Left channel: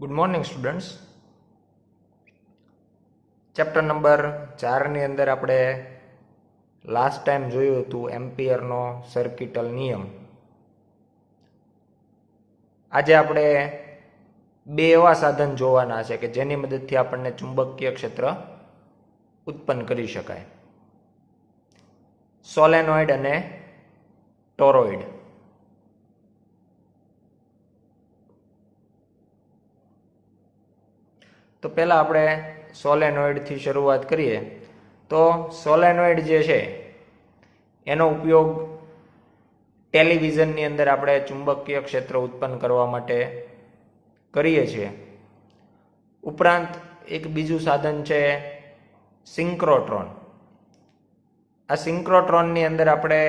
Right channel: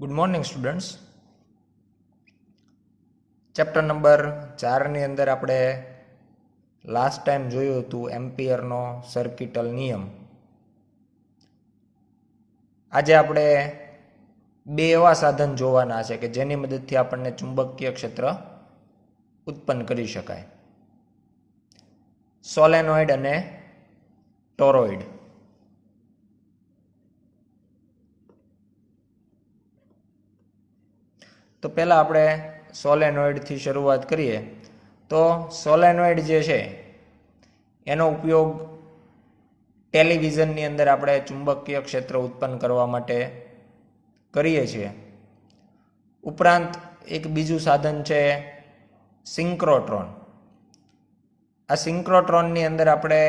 Good morning students. Chapter number 4ની અંદર આપણે લાસ્ટ ટાઈમ જોયું હતું એમ્પિયરનો સર્કિટલ નિયમ. આજે આપણે બે એવા સાધન જોવાના છે કે જેની મદદથી આપણને ચુંબકીય ક્ષેત્ર ઉત્પન્ન કરી શકાય: સોલેનોઇડ અને ટોરોઇડ. તો પહેલાં આપણે સોલેનોઇડથી શરૂઆત કરીએ. તો સોલેનોઇડ જે છે એનો ઉપયોગ ટેલિવિઝનની અંદર આપણે ચુંબકીય ક્ષેત્ર ઉત્પન્ન કરવા માટે કરીએ છીએ. ઉપરાંત એક બીજું સાધન છે સિન્ક્રોટ્રોન. આ સિન્ક્રોટ્રોનની અંદર આપણે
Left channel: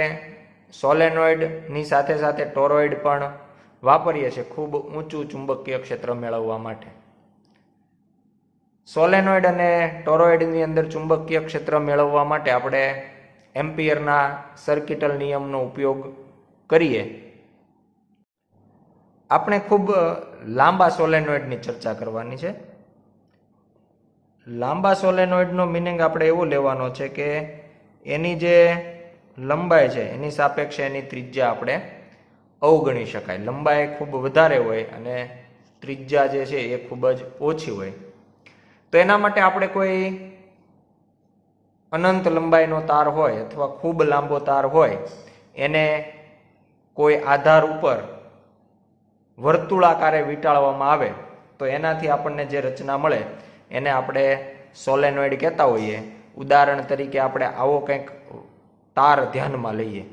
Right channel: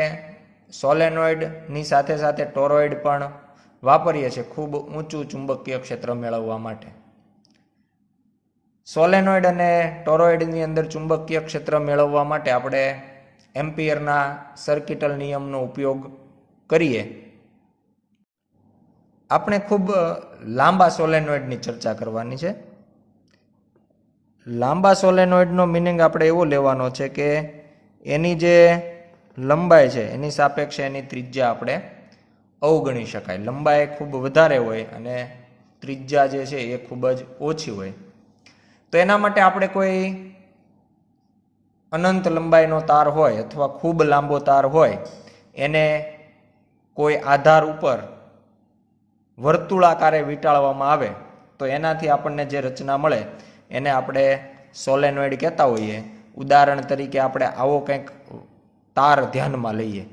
સોલેનોઇડની સાથે સાથે ટોરોઇડ પણ વાપરીએ છીએ ખૂબ ઊંચું ચુંબકીય ક્ષેત્ર મેળવવા માટે. સોલેનોઇડ અને ટોરોઇડની અંદર ચુંબકીય ક્ષેત્ર મેળવવા માટે આપણે એમ્પિયરના સર્કિટલ નિયમનો ઉપયોગ કરીએ. આપણે ખૂબ લાંબા સોલેનોઇડની ચર્ચા કરવાની છે. લાંબા સોલેનોઇડનો મિનિંગ આપણે એવો લેવાનો છે કે એની જે લંબાઈ છે એની સાપેક્ષે એની ત્રિજ્યા આપણે અવગણી શકાય. લંબાઈ ખૂબ વધારે હોય અને ત્રિજ્યા જે છે એ ખૂબ જ ઓછી હોય. તો એના માટે આપણે કોઈ અનંત લંબાઈનો તાર હોય અથવા ખૂબ લાંબો તાર હોય એને કોઈ આધાર ઉપર વર્તુળાકારે વીંટાળવામાં આવે તો એનાથી આપણને જે રચના મળે એને આપણે સોલેનોઇડ કહેતા હોઈએ. ઉદાહરણ તરીકે આપણે આવો કંઈક તાર ધ્યાનમાં લઈએ.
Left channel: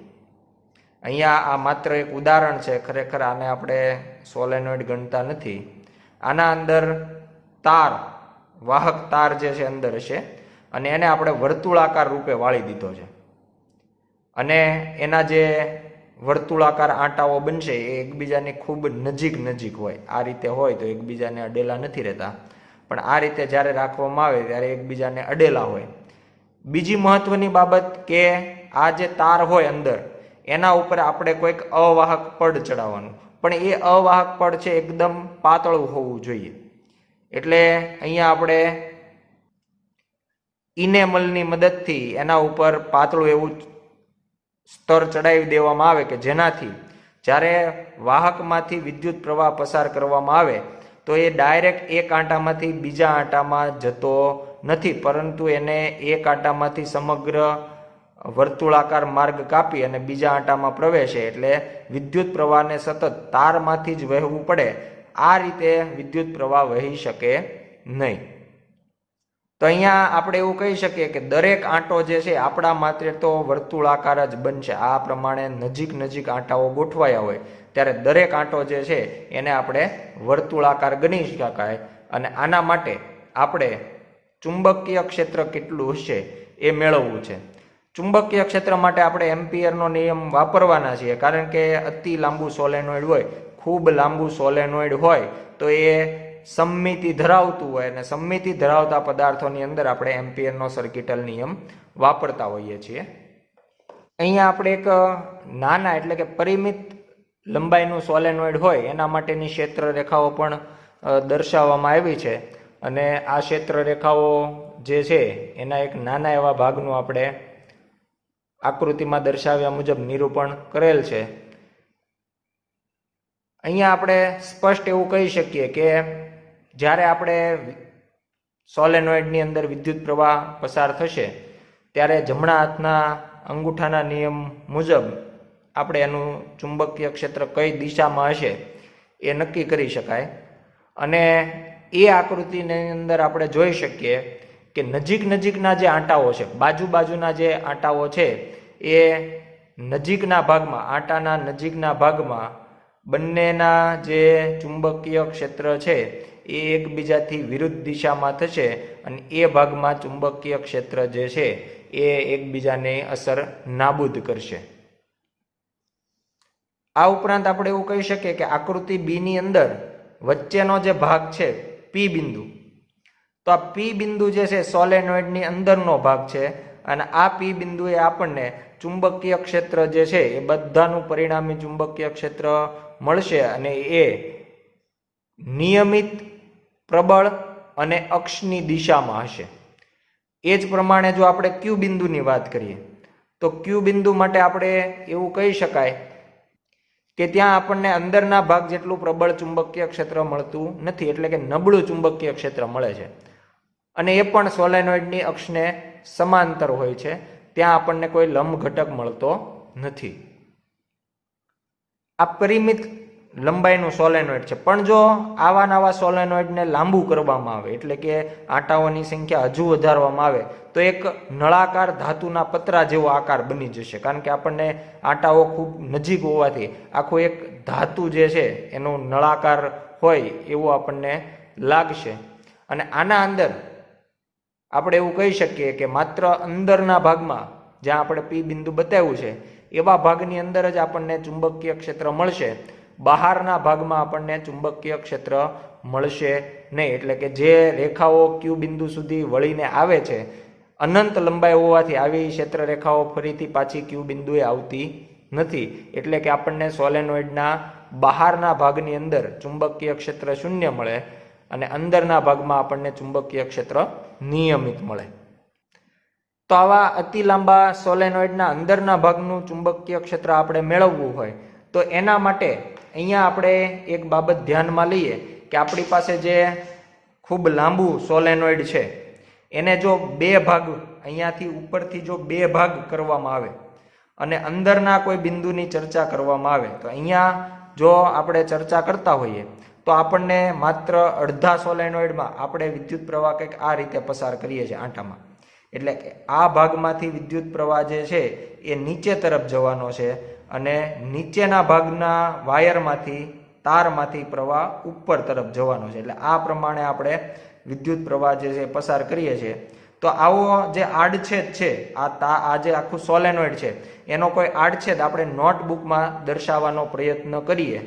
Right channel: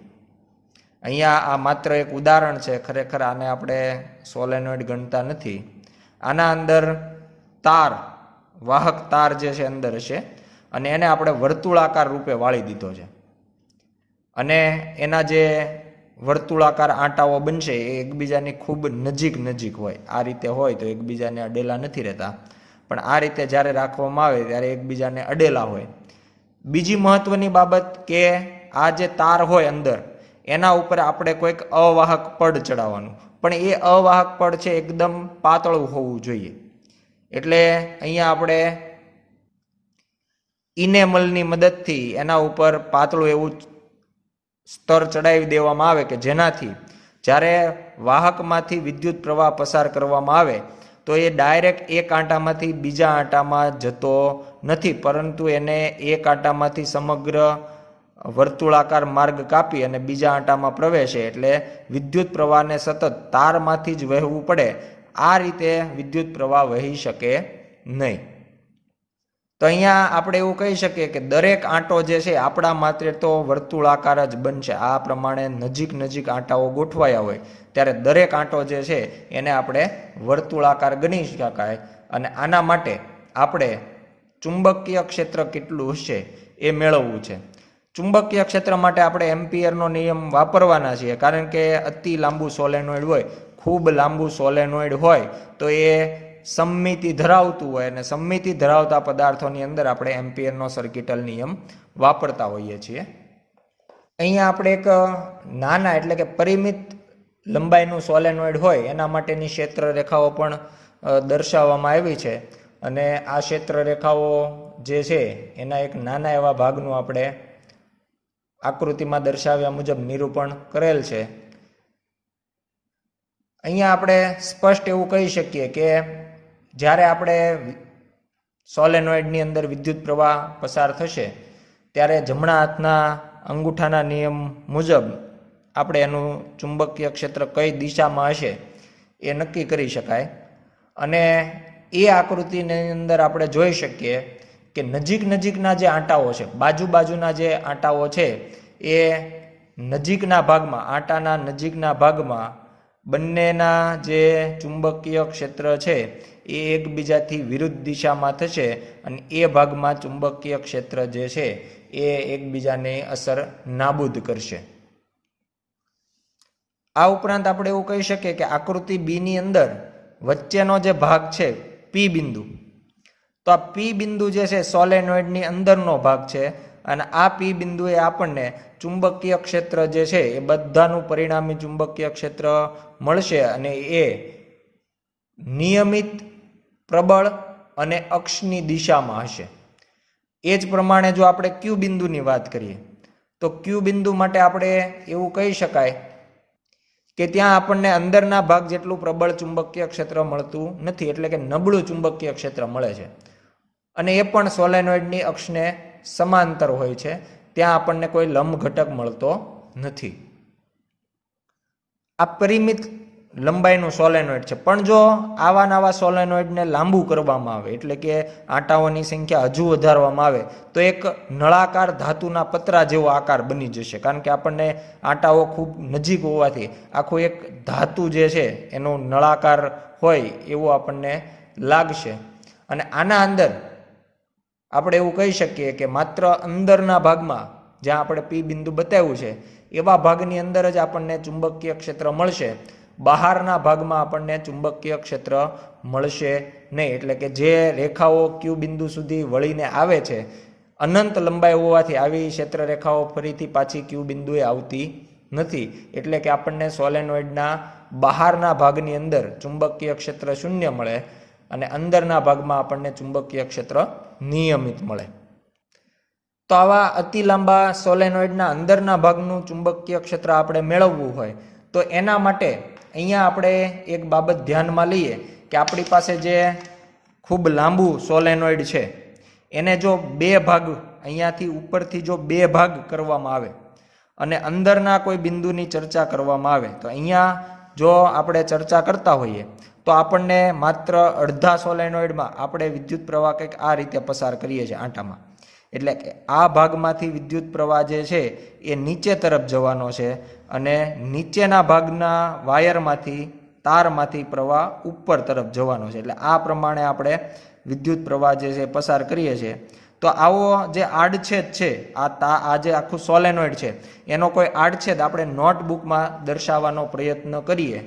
અહીંયા આ માત્ર એક ઉદાહરણ છે, ખરેખર આને આપણે સોલેનોઇડ ગણતા નથી. આના અંદર તાર, વાહક તાર જે છે અંદર હશે અને એને આપણે વર્તુળાકાર રૂપે વાળી દીધો છે અને એના જે વર્તુળાકાર આંટાઓ બનશે એ એકબીજાની ખૂબ નજીક હોય. આ રીતે હોય તો એકબીજાને અડેલા નથી રહેતા, પણ આ રીતે જ્યારે રાખવામાં આવે ત્યારે એકબીજાને અડેલા હોય. બીજી મહત્વની બાબત કે આ જે તાર હોય અંદર એના ઉપર આપણે કોઈક અવાહક પડ ચડાવવાનું, પણ એ અવાહક પડ છે એકદમ પાતળું હોવું જોઈએ. એટલે અહીંયા આપણે ઇનેમલની મદદથી એના ઉપર પાતળું એવું સ્તર ચડાવી દેવામાં આવે કે જેનાથી જ્યારે વાહકમાંથી વિદ્યુત પ્રવાહ પસાર કરવામાં આવે તો એ ડાયરેક્ટ એક આંટામાંથી બીજા આંટામાં જતો નથી, પરંતુ એને એક આંટામાંથી સમગ્ર વર્તુળાકાર માર્ગ કાપી અને બીજા આંટામાં પ્રવેશે. એટલે વિદ્યુત પ્રવાહને સતત તારમાંથી જ વહેવું પડે. આ રીતે વિદ્યુત પ્રવાહ વહી શકે નહીં. તો અહીંયા આપણે એવું કહી શકીએ કે દરેક આંટો જે છે આપણા માત્ર તો વર્તુળાકાર જ બનશે. આ પ્રમાણે નજીક આંટાઓ ગોઠવાયા હોય ત્યારે દરેક આંટો જે છે એને આપણે વર્તુળાકાર ગણી શકાય. અને આના માટે આપણે ચુંબકીય ક્ષેત્ર કેટલું હશે એ મેળવવું છે. ચુંબકીય ક્ષેત્ર માટે આપણે એમ્પિયરનો નિયમ વાપરવાના છીએ, કારણ કે અતિ લાંબુ સોલેનોઇડ હોય, ખૂબ લાંબુ સોલેનોઇડ હોય તો એ સમમિતિ ધરાવતું હોય અને સમમિતિ ધરાવતા પદાર્થોની અંદર આપણે એમ્પિયરનો સર્કિટલ નિયમ વાપરતા હોઈએ છીએ. અહીંયા આપણે એક નાના એટલે કે પરિમિત લંબાઈનું સોલેનોઇડ હોય એના માટેની ક્ષેત્ર રેખાઓ પણ દર્શાવવામાં આવી છે અને આ ક્ષેત્ર રેખાઓ જે છે એના એક નાના એવા ભાગનું આપણે આકૃતિમાં દર્શાવ્યા મુજબ નિરૂપણ કરેલ છે. અહીંયા આપણે સ્પષ્ટ એવું કહી શકીએ કે જ્યારે આપણે સોલેનોઇડની અંદર વિદ્યુત પ્રવાહ પસાર થશે ત્યારે જમણા હાથના અંગૂઠાના નિયમ મુજબ આપણે એનું ચુંબકીય ક્ષેત્ર કઈ દિશામાં હશે એ નક્કી કરી શકાય. અને એ આકૃતિની અંદર આપણે જોઈ શકીએ કે નજીકના જે આંટાઓ છે, બાજુના જે આંટાઓ છે એ નજીકના ભાગમાં, આંટાના નજીકના ભાગમાં બંનેના જે ચુંબકીય ક્ષેત્ર છે એ એકબીજાથી વિરુદ્ધ દિશામાં થશે અને એ ભાગમાં ચુંબકીય ક્ષેત્ર જે છે એ એકબીજાની અસર નાબૂદ કરશે. આ ઉપરાંત આપણે એવું કહી શકીએ કે આકૃતિ બીની અંદર વચ્ચેનો જે ભાગ છે પી બિંદુ, તો આ પી બિંદુ જે છે સોલેનોઇડની અંદરનો ભાગ છે અને આ પી બિંદુએ આપણને ચુંબકીય ક્ષેત્ર જે છે એ બધાનું પરિણામી ચુંબકીય ક્ષેત્ર મળશે અને એ નિયમિત પ્રબળ અને અક્ષની દિશામાં હશે. એ જ પ્રમાણે જો આપણે ક્યુ બિંદુની વાત કરીએ તો ક્યુ બિંદુ માટે આપણે એવું કહી શકાય કે ત્યાં આપણને અંદરના ભાગ જેટલું પ્રબળ ચુંબકીય ક્ષેત્ર મળતું નથી, એટલે કે નબળું ચુંબકીય ક્ષેત્ર મળે છે. અને એ પણ સોલેનોઇડની અક્ષને સમાંતર હોય છે, ત્યાં આપણને કોઈ લંબ ઘટક મળતો નથી. આ પરિમિત લંબાઈનું સોલેનોઇડ છે. પણ જો આવા નવા સોલેનોઇડને લાંબુ કરવામાં આવે, એટલે કે આંટાઓની સંખ્યા હજુ વધારવામાં આવે, તો એક નળાકાર ધાતુના પતરા જેવો આકાર બની જશે. કારણ કે આપણને આંટાઓ ખૂબ નજીક હોવાથી આખું એક ધાતુ જે છે એનો નળાકાર હોય એવું આપણને લાગશે. અને આના અંદર આપણે એવું કહી શકીએ કે માત્ર અંદરના ભાગમાં, જ્યાં આપણે પી બિંદુ બતાવ્યું છે એવા ભાગની અંદર જ આપણને ચુંબકીય ક્ષેત્ર મળશે. બહારના ભાગમાં આપણને ચુંબકીય ક્ષેત્ર મળશે નહીં. એટલે કે જે રેખાઓ ક્યુ બિંદુ સુધી વળીને આવે છે, અનંત લંબાઈ હોવાથી આવી ક્ષેત્ર રેખાઓ ફરીથી પાછી ક્યુ બિંદુએ આવતી નથી. એટલે કે આપણને સોલેનોઇડના બહારના ભાગની અંદર ચુંબકીય ક્ષેત્ર શૂન્ય મળે અને અંદરના ભાગમાં આપણને ચુંબકીય ક્ષેત્ર નિયમિત મળે. તો આવા અતિ લાંબા સોલેનોઇડના અંદરના ભાગનું ચુંબકીય ક્ષેત્ર આપણે મેળવવું હોય તો એના માટે અહીંયા આપણે એક બાબત ધ્યાનમાં લઈએ કે આપણી પાસે જે ખૂબ લાંબુ સોલેનોઇડ છે એને જો બે ભાગ, અહીંયાથી ઉપરથી જો બે ભાગ કરવામાં આવે અને અંદરના કોઈ બિંદુની ચર્ચા કરવામાં આવે, તો અહીંયા જો આપણે ચર્ચા કરતા હોઈએ તો આપણને માત્ર અડધા સોલેનોઇડમાં આપણે વિદ્યુત પ્રવાહ કંઈક આ રીતે પસાર કરીએ છીએ આંટામાં. એટલે કે આ ભાગમાંથી વિદ્યુત પ્રવાહ જે છે એ નીચે તરફ જવાનો છે અને નીચેના ભાગના વાયરમાંથી, તારમાંથી પ્રવાહ ઉપર તરફ જવાનો છે. એટલે આ પ્રમાણે આપણે વિદ્યુત પ્રવાહ જે છે પસાર કરીએ છીએ. તો આવો જે આડછેદ છે, આ જે આખું સોલેનોઇડ છે એનો કોઈ આડછેદ આપણે નોટબુકમાં દર્શાવવાનો પ્રયત્ન કરીએ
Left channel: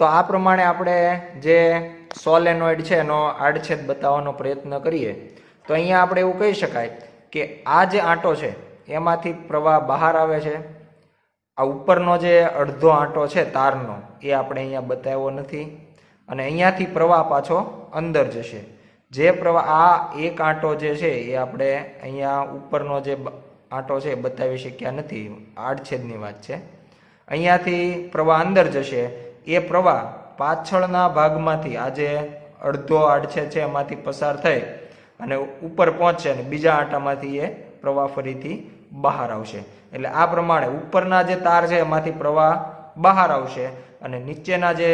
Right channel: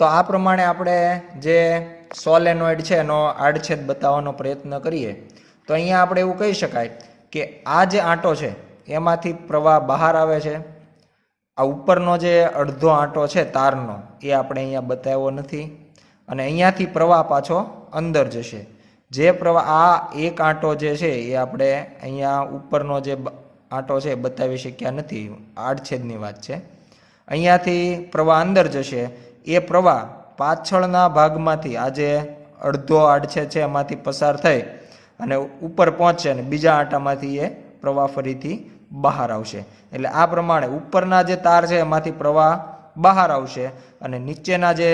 તો આ પ્રમાણે આપણે જે સોલેનોઇડ છે એનો આડછેદ બતાવવાનો પ્રયત્ન કરીએ તો અહીંયા આપણે એવું કહી શકાય કે આ જે આંટો છે એમાંથી પ્રવાહ બહાર આવે છે. આ ઉપરનો જે અડધો આંટો છે તારનો એ આપણે અહીંયા બતાવ્યો નથી અને અહીંયાથી પ્રવાહ પાછો અંદર જશે. જે પ્રવાહ, આ એક આંટો જે છે એ આપણે અહીંયા ઉપરનો જે આંટો છે બતાવી શક્યા નથી, આડછેદની વાત છે. અહીંયાથી પ્રવાહ અંદર જશે. એ પ્રવાહ પાછળના ભાગમાંથી, આ જે અડધો આડછેદ છે એમાંથી પસાર થઈ અને ઉપર પહોંચશે અને બીજા આંટામાંથી એ પ્રવાહ ફરીથી બહાર આવશે. એટલે આ પ્રમાણે ઉપરના જે તાર છે એમાંથી પ્રવાહ બહાર આવશે અને નીચેના જે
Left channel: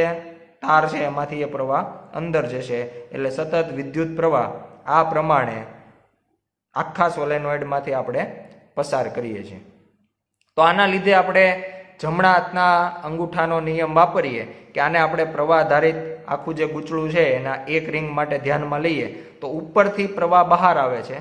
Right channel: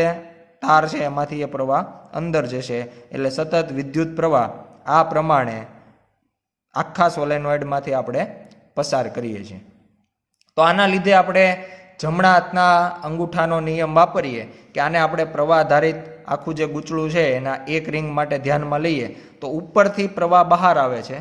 તાર છે એમાંથી એ પ્રવાહ અંદર જશે. એટલે સતત વિદ્યુત પ્રવાહ આ પ્રમાણે આખા સોલેનોઇડમાંથી આપણે પસાર કરીએ છીએ. તો આના લીધે આપણે જમણા હાથના અંગૂઠાનો નિયમ વાપરીએ કે આને આપણે પ્રવાહ આધારિત આખું જે ગૂંચળું છે એના એક રિંગ માટે ધ્યાનમાં લઈએ તો ઉપરથી પ્રવાહ બહાર આવે છે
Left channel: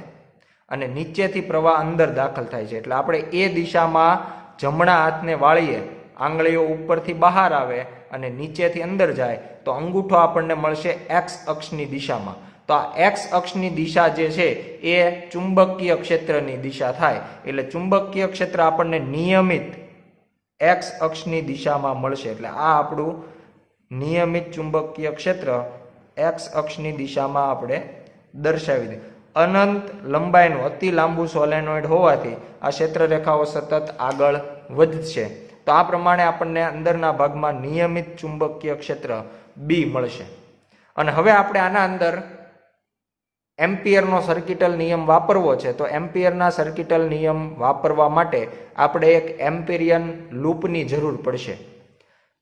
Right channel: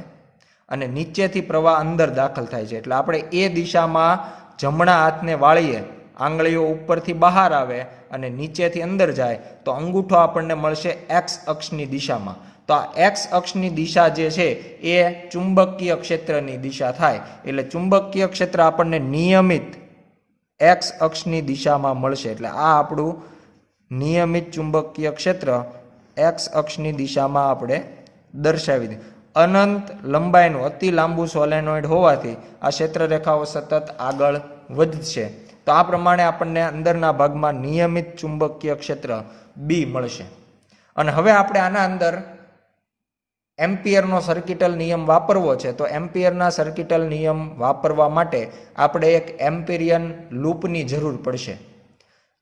અને નીચેથી પ્રવાહ અંદર દાખલ થાય છે. એટલે આપણે એ દિશામાં જમણા હાથને વાળીએ, આંગળીઓ ઉપરથી બહાર આવે અને નીચેથી અંદર જાય તો અંગૂઠો આપણને મળશે એક્સ અક્ષની દિશામાં. તો આ એક્સ અક્ષની દિશા જે છે એ ચુંબકીય ક્ષેત્રની દિશા થાય. એટલે ચુંબકીય ક્ષેત્ર આપણને નિયમિત એક્સ અક્ષની દિશામાં મળશે. એટલે આ આપણું નિયમિત ચુંબકીય ક્ષેત્ર એક્સ અક્ષની દિશામાં આપણે દર્શાવી દઈએ. અનંત લંબાઈનું અતિ લાંબુ સોલેનોઇડ હોવાથી આ ક્ષેત્ર રેખાઓ સતત આગળ વધશે. તો આ પ્રમાણે આપણને અંદરના ભાગમાં નિયમિત ચુંબકીય ક્ષેત્ર બી મળશે. અને હવે આપણે આના અંદર એમ્પિયરનો સર્કિટલ નિયમ વાપરવો છે. તો એમ્પિયરના સર્કિટલ નિયમ વાપરવા માટે આપણે એક એમ્પિરિયન લૂપની જરૂર પડશે.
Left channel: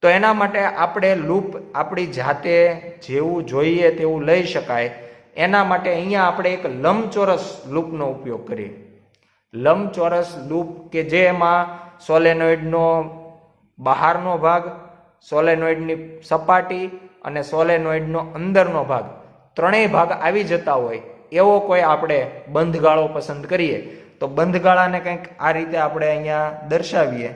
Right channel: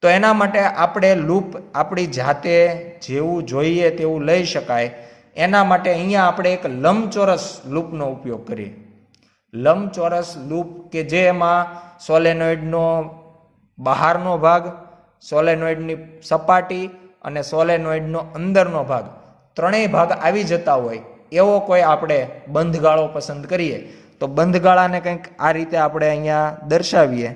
તો એના માટે આપણે લૂપ આપણી જાતે જેવું જોઈએ તેવું લઈ શકાય એના માટે અહીંયા આપણે એક લંબચોરસ લૂપનો ઉપયોગ કરીએ. લંબચોરસ લૂપ કે જેમાં સોલેનોઇડનો બહારનો ભાગ, સોલેનોઇડની સપાટી અને સોલેનોઇડનો અંદરનો ભાગ ત્રણેય ભાગ આવી જતા હોય એવો કોઈ આપણે બંધગાળો પસંદ કરીએ તો બંધગાળાને કંઈક આ રીતે આપણે અહીંયા દર્શાવીએ.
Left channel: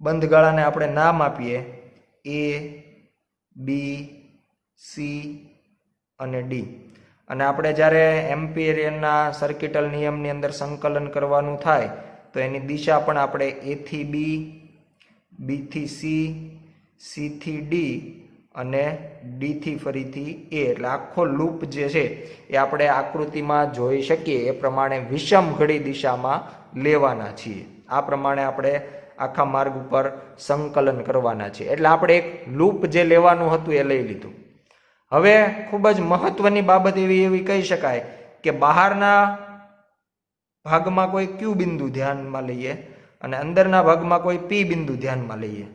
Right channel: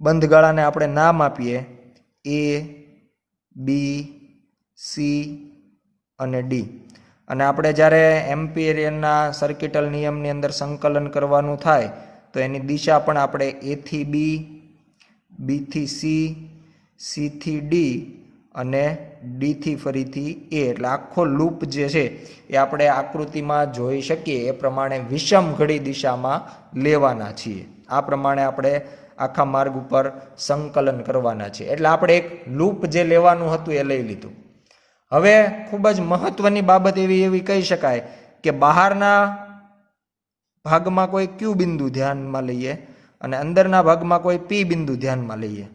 બંધગાળાને આપણે નામ આપીએ એ, બી, સી અને ડી. અને આપણે જ્યારે એમ્પિયરના સર્કિટલ નિયમની અંદર સંકલન કરવાનું થાય તો એની દિશા પણ આપણે એ થી બી, બી થી સી, સી થી ડી અને ડી થી ફરીથી એ, એટલે આખો લૂપ જે છે એ આપણે આકૃતિમાં જોઈ શકીએ એ પ્રમાણે વિષમ ઘડી દિશામાં લેવાના છીએ. આ પ્રમાણે આપણે આખા માર્ગ ઉપર સંકલન કરવાના છીએ. એટલે આપણે એક લૂપ જે લેવાનું હતું એ લઈ લીધું. હવે ખૂબ જ મહત્વની બાબત એવી કહી શકાય કે બહારના ભાગમાં કોઈ ક્યુ બિંદુ ધ્યાનમાં લઈએ અને અંદરના ભાગમાં કોઈ પી બિંદુ ધ્યાનમાં લઈએ.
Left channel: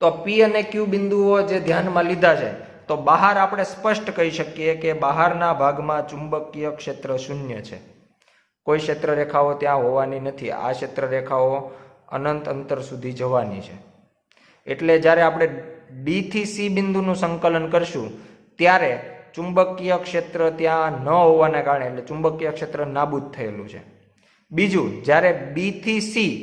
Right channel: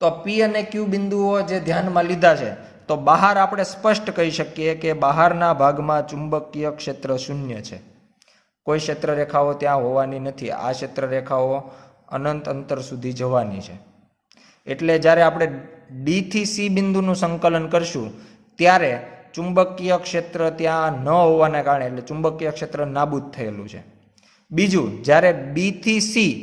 તો પી અને ક્યુ બિંદુઓ જે ધ્યાનમાં લીધા છે તો બહાર આપણે સ્પષ્ટ કહી શકીએ કે બહારના ભાગમાં ચુંબકીય ક્ષેત્ર શૂન્ય છે. કોઈ ક્ષેત્ર રેખાઓ ત્યાં હોવાની નથી. આ ક્ષેત્ર રેખાઓ અનંત અંતર સુધી જવાની છે. એટલે જ્યારે આપણે ડી થી સી બિંદુનું સંકલન કરશું ત્યારે ચુંબકીય ક્ષેત્ર ત્યાં ન હોવાને કારણે, એટલે ચુંબકીય ક્ષેત્ર નાબૂદ થયેલું છે. બીજું, જ્યારે બી થી સી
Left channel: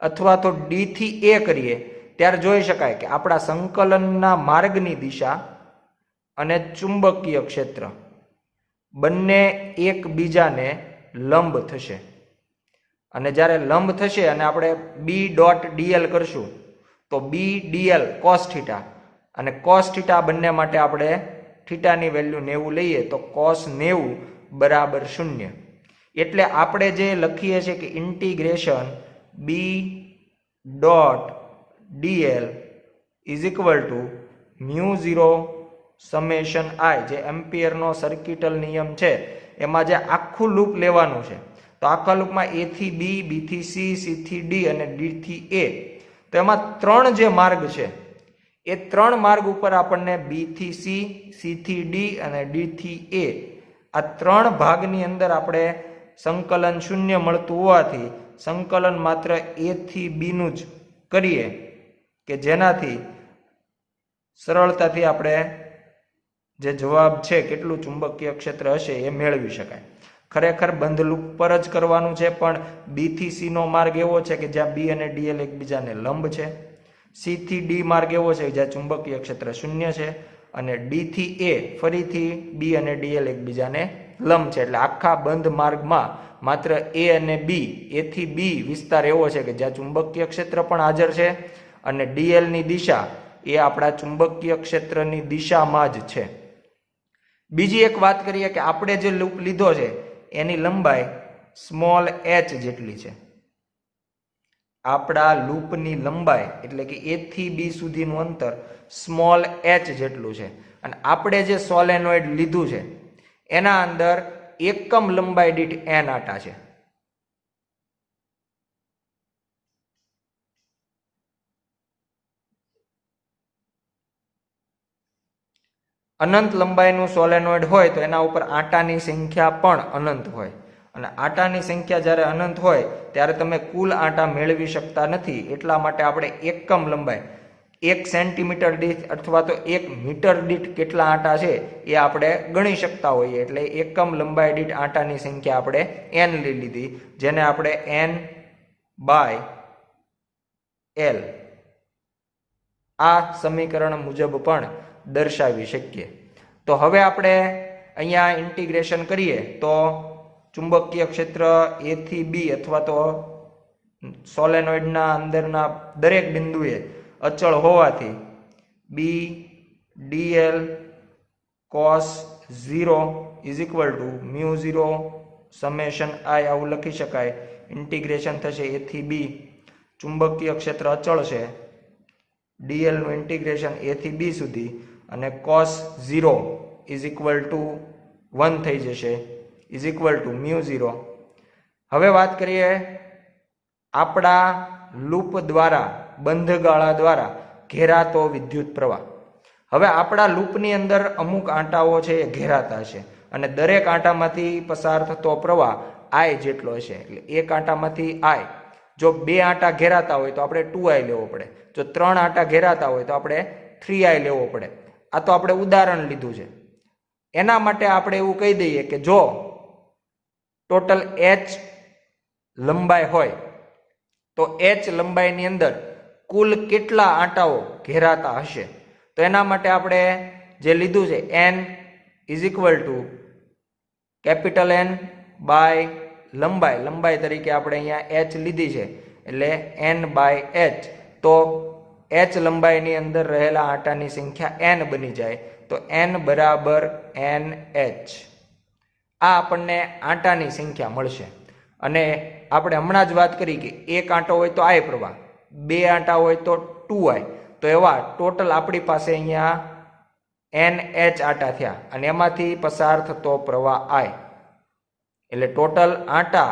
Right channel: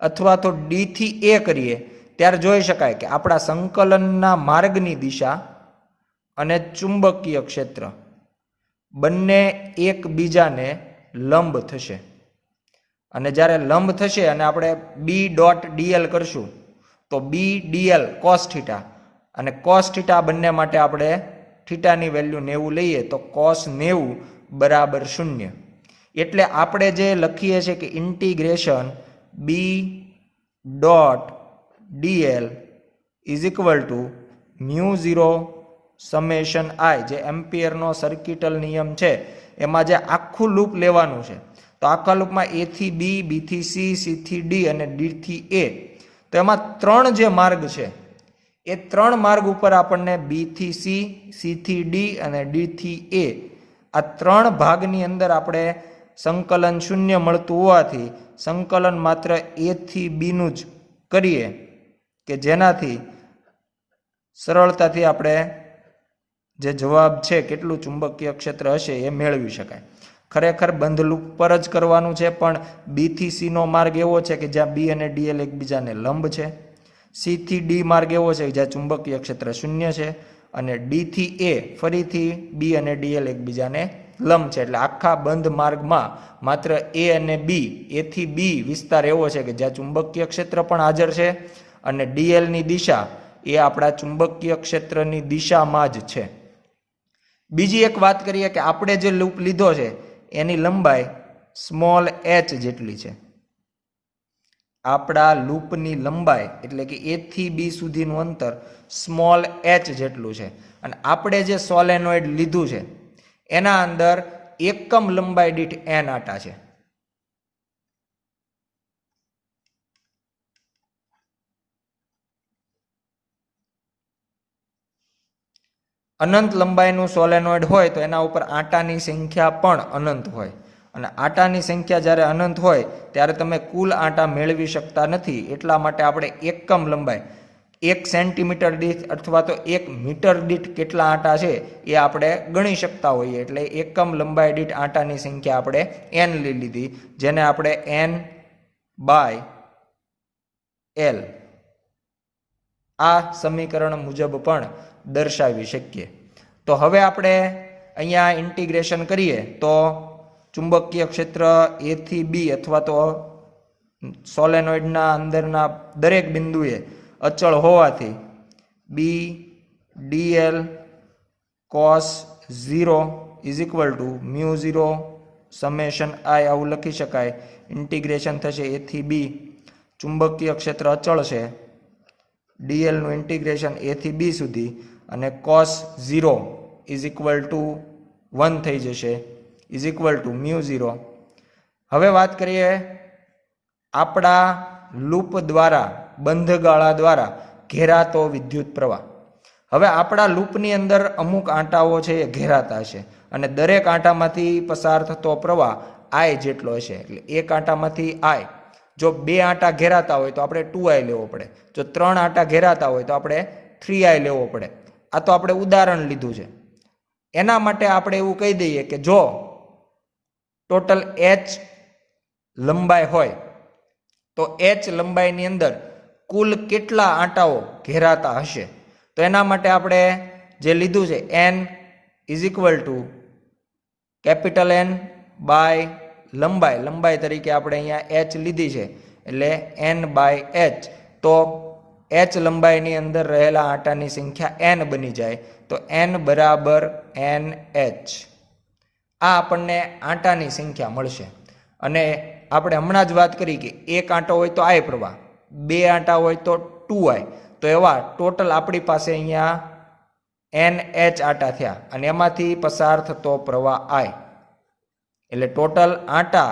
અથવા તો ડી થી એ કરીએ ત્યારે જોઈ શકાય કે આપણા સંકલનના માર્ગની દિશા અને ચુંબકીય ક્ષેત્ર બંને એકબીજાને લંબ થશે. અને જ્યારે લંબ થશે અને આપણે બી ડોટ ડીએલ કરશું તો બી ડીએલ કોસ થીટા, અને કોસ થીટા બંને માટે આપણે થીટાની વેલ્યુ 90 લઈએ તો કોસ 90 બરાબર 0. એટલે આપણે જે લખીએ છીએ કે integration B dot dl is equal to μ0 summation I, જે એમ્પિયરનો સર્કિટલ નિયમ છે એમાં જે આખું લૂપ લેવાનું છે. તો આખા લૂપમાં એ થી બી, બી થી સી, સી થી ડી અને ડી થી એ, તો એમાં 3 જે માર્ગ છે એ 3 માર્ગ ઉપર આપણને બી થી સી, સી થી ડી અને ડી થી એ, આ 3 ભાગની અંદર આપણે સંકલન શૂન્ય મળતું હોવાથી સંકલન માત્ર એ થી બીનું જ કરીએ કે જેનાથી સરળતાથી આપણે જે જવાબ છે કેટલું ચુંબકીય ક્ષેત્ર હશે એ મેળવી શકાય. ખરેખર બંધ લૂપ પર જ કરવાનું છે, પણ બી થી સી નો માર્ગ એવો છે કે જ્યાં બી અને ડીએલ એકબીજાને લંબ છે. સી થી ડી માર્ગ એવો છે કે જ્યાં ચુંબકીય ક્ષેત્ર શૂન્ય છે. અને ડી થી એ ફરીથી બી અને ડીએલ એકબીજાને લંબ છે. એટલે આખા બંધ માર્ગમાં માત્ર એ અને બી, એ થી બી વિસ્તાર એવો છે કે જ્યાં ચુંબકીય ક્ષેત્ર પણ હાજર છે અને ડીએલ ની દિશા એ આપણા ચુંબકીય ક્ષેત્રની દિશામાં જ છે. બીજી એક વાત કરીએ કે આપણે જે લૂપ લીધો છે એની લંબાઈ સ્મોલ એચ જેટલી છે. આપણા લૂપની લંબાઈ એટલે કે એ થી બી સુધીનું અંતર સ્મોલ એચ જેટલું છે. અને આપણે જે સોલેનોઇડ લીધું છે એના અંદર એકમ લંબાઈ દીઠ n આટા છે. અનંત લંબાઈનું સોલેનોઇડ હોય તો એના ઉપર આટાની સંખ્યા પણ અનંત હોય. અને આટાની સંખ્યા જ્યારે અનંત હોય ત્યારે તમે કુલ આટા મેળવી શકતા નથી. એટલા માટે આપણે એકમ લંબાઈ 1 સેન્ટીમીટર દીઠ અથવા તો 1 મીટર દીઠ કેટલા આટા છે એ આપણે ગણી શકતા હોઈએ. એટલે એકમ લંબાઈ દીઠ આટાની સંખ્યા આપણે n લઈ લીધી, જેને આપણે n/l આ સમીકરણ મુજબ પણ દર્શાવી શકીએ. તો હવે આપણે અહીંયા ઇન્ટિગ્રેશન કરીએ તો ચુંબકીય ક્ષેત્ર એ થી બી અથવા તો સોલેનોઇડના અંદરના દરેક બિંદુએ અચળ હોવાથી B dl cos 0 is equal to μ0 summation I આવું લખી શકાય. ઇન્ટિગ્રેશન થશે એ થી બી, ચુંબકીય ક્ષેત્ર અચળ છે, ડીએલનું ઇન્ટિગ્રેશન એ થી બી સુધી, અને કોસ 0 ઇઝ ઇક્વલ ટુ 1 થઈ જશે, ઇઝ ઇક્વલ ટુ μ0. હવે વાત કરીએ આપણા લૂપ દ્વારા, બંધગાળા દ્વારા ઘેરાતો વિદ્યુત પ્રવાહ. હવે આપણા લૂપની અંદર અમુક આંટાઓ છે એ ઘેરાતા હશે અને દરેક આંટામાંથી પસાર થતો પ્રવાહ આઈ જેટલો હશે. એટલે એક આંટામાંથી આઈ, જો 2 આંટા ઘેરાતા હોય તો આપણે 2i લેવો પડે, જો 3 આંટા ઘેરાતા હોય તો આપણે 3i લેવો પડે. આ તો આપણે ઉદાહરણ લીધું છે. એના માટે આપણે એવું કહી દઈએ કે જો ટોટલ h લંબાઈ હોય તો h લંબાઈની અંદર કુલ કેટલા આંટાઓ ઘેરાતા હશે. તો એના માટે આપણે જે લીધું છે n is equal to capital N by લંબાઈ તરીકે આપણે અહીંયા એચ લીધી છે, એટલે n/h. તો h લંબાઈની અંદર રહેલા આંટાની સંખ્યા n બની જાય, તો n બરાબર nh. આ આપણને આંટાની સંખ્યા મળશે. અને આપણે હમણાં જ વાત કરી કે એક આંટો હોય તો I પ્રવાહ, બે આંટા હોય તો 2I. તો એવા ટોટલ આપણી પાસે અહીંયા nh આંટા થયા, અને એમાંથી પસાર થતો પ્રવાહ I. એટલે ટોટલ આંટા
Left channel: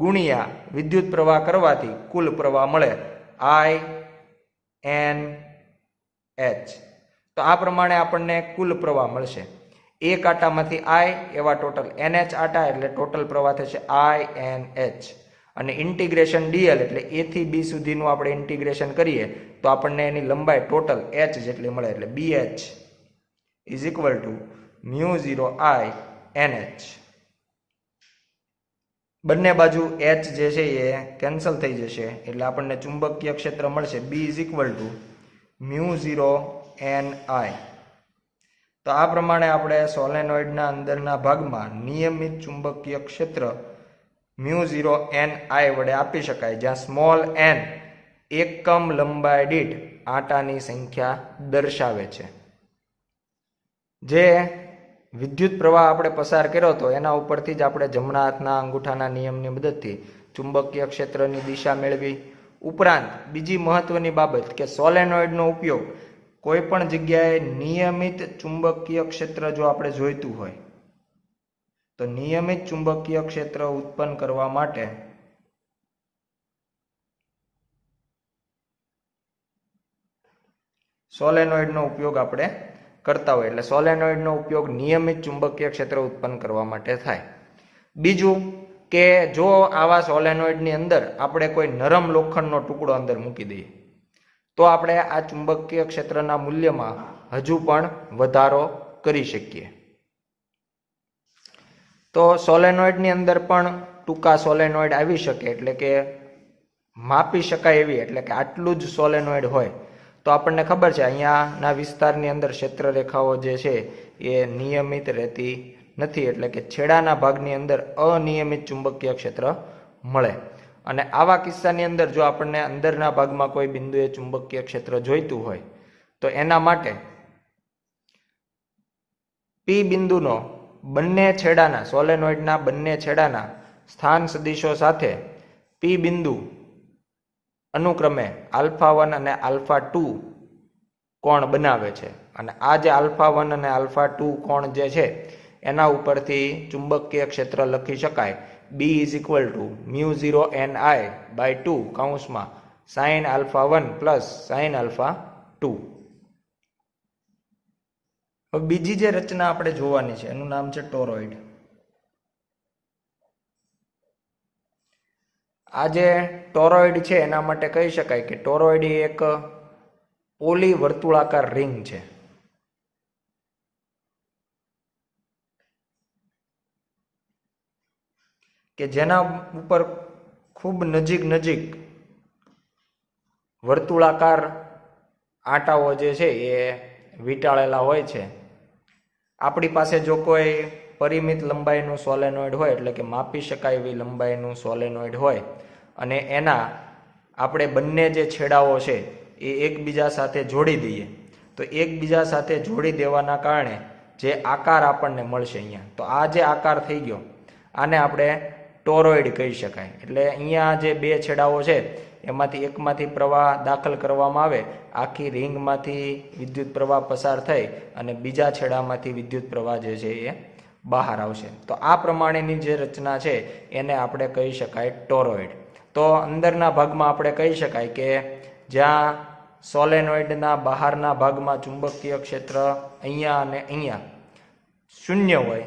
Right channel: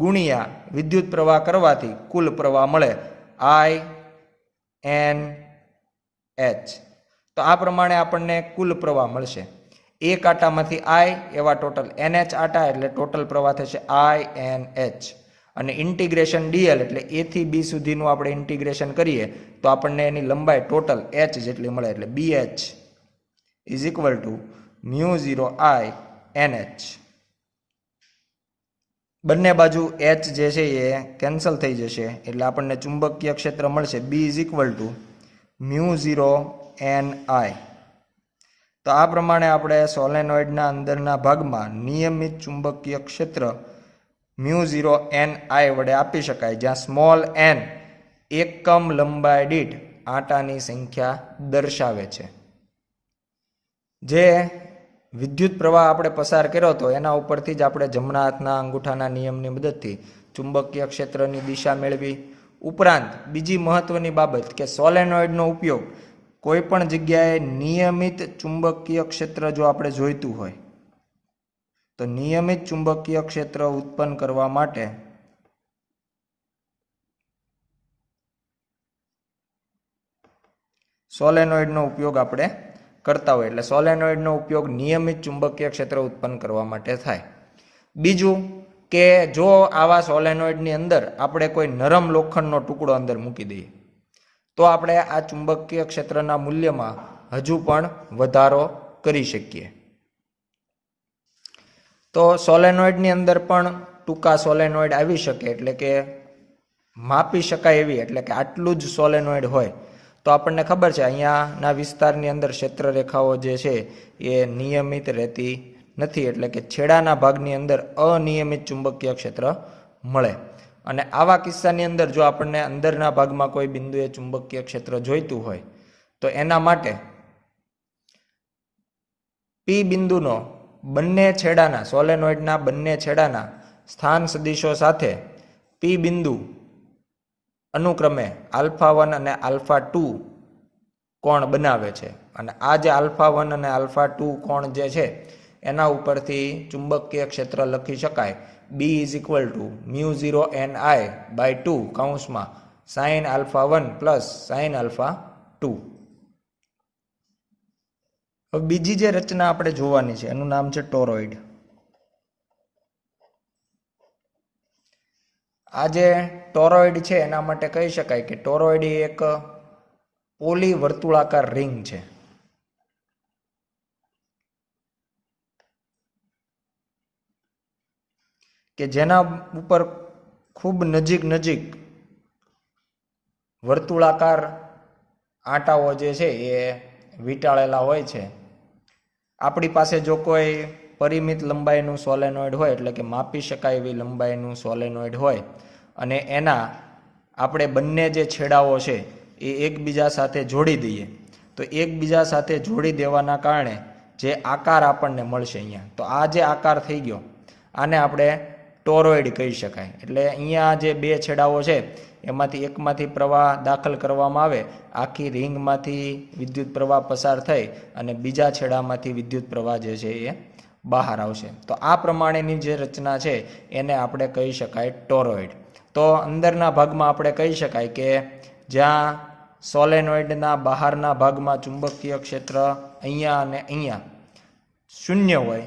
ગુણ્યા વિદ્યુત પ્રવાહ કરવાથી કુલ પ્રવાહ મળે INH. તો આ પ્રમાણે આપણને કુલ પ્રવાહ મળશે. એક આંટામાંથી I એવા ટોટલ NH આંટા, એટલે ટોટલ પ્રવાહ થશે INH. અને ઇન્ટિગ્રેશન dl એટલે a થી b સુધીનું આપણે ઇન્ટિગ્રેશન કરીએ તો આપણને એની લંબાઈ ટોટલ h જેટલી મળે, એટલે BH is equal two μ0I NH. બંને બાજુ h જે છે એ કેન્સલ થઈ જશે, એટલે આપણને ચુંબકીય ક્ષેત્ર મળશે B is equal two μ0NI. તો આ પ્રમાણે આપણે સોલેનોઇડના અંદરના ભાગમાં નિયમિત ચુંબકીય ક્ષેત્ર μ0NI વડે આપી શકાય, જ્યાં સ્મોલ n એકમ લંબાઈ દીઠ આંટાની સંખ્યા દર્શાવે છે. જે વિદ્યુત પ્રવાહ આપણે પસાર કર્યો હતો એના ઉપરથી જ આપણે જમણા હાથના અંગૂઠાના નિયમની મદદથી ચુંબકીય ક્ષેત્રની દિશા મેળવી. ઉપરાંત બીજી મહત્વની બાબત કે સોલેનોઇડનો ઉપયોગ કોઈ પણ જગ્યાએ નિયમિત ચુંબકીય ક્ષેત્ર જો આપણે જોઈતું હોય તો નિયમિત ચુંબકીય ક્ષેત્ર ઉત્પન્ન કરવા માટે સોલેનોઇડનો ઉપયોગ આપણે કરતા હોય. એટલે સોલેનોઇડનો ઉપયોગ નિયમિત ચુંબકીય ક્ષેત્ર ઉત્પન્ન કરવા માટે થાય. બીજું કે જો આવા સોલેનોઇડની અંદર આપણે કોઈ નરમ લોખંડનો ટુકડો અંદર મૂકી દઈએ તો આપણે આ ચુંબકીય ક્ષેત્રના મૂલ્યમાં હજુ પણ વધારો કરી શકીએ. તો સોલેનોઇડની અંદર પણ ટૂંકા સોલેનોઇડ આવી શકે, એટલે કે માપી શકાય એવી, એટલે કે આટલું જ સોલેનોઇડ હોય તો આપણને ખબર છે અહીંયાના વિસ્તારની અંદર ક્ષેત્ર રેખાઓ જે છે એ નિયમિત રહેતી નથી, એટલે કે છેડાના ભાગની અંદર અનિયમિત ચુંબકીય ક્ષેત્ર મળે. અને આવા કિસ્સાની અંદર જો આપણને અંદરના ભાગમાં કોઈ બિંદુએ ચુંબકીય ક્ષેત્ર જોઈતું હોય તો એના માટે P બિંદુનો બંને છેડાના સોલેનોઇડના બંને છેડાના સ્થાન સદિશો સાથે P બિંદુ અનુક્રમે α1 અને α2 કોણ બનાવે છે. અને આ જે α1 અને α2 કોણ જે છે એના ઉપરથી ચુંબકીય ક્ષેત્ર લખી શકાય B is equal two μ0NI/2 કૌંસમાં sin α1 પ્લસ sin α2. હવે બીજી જે રચના આપણે જોવાની છે એનું નામ છે ટોરોઇડ. આ જે ટોરોઇડ છે એના માટે કહી શકાય કે ટોરોઇડ એ એક પોલી વર્તુળાકાર રિંગ છે. કે જેના ઉપર ખૂબ નજીક વર્તુળાકાર આંટાઓ જે છે એ વીંટાળેલા હોય છે. આપણી પાસે જો કોઈ પરિમિત લંબાઈનું સોલેનોઇડ હોય, એટલે કે માપી શકાય એવી લંબાઈનું સોલેનોઇડ હોય અને એના આપણે બંને જે છેડાઓ છે એ એકબીજા સાથે જોડી દઈએ તો એકબીજા સાથે જોડી દેવાના કારણે જે આકાર આપણને મળશે અહીંયા, તો આ જે આકાર થઈ ગયો આને આપણે ટોરોઇડ કહી શકાય. એટલે અહીંયા જે બે છેડાઓ છે એમાંથી એકમાંથી પ્રવાહ દાખલ કરવામાં આવે, આખી રિંગમાંથી વિદ્યુત પ્રવાહ પસાર થઈ અને બીજા છેડામાંથી વિદ્યુત પ્રવાહ જે છે એ બહાર આવશે. તો આ પ્રમાણેની જે રચના છે એને આપણે કહી શકાય ટોરોઇડ. તો અંદરના ભાગમાં આપણે કહી શકાય કે જ્યાં સોલેનોઇડના બહારના ભાગમાં ચુંબકીય ક્ષેત્ર અહીંયા અને અહીંયા શૂન્ય હોય,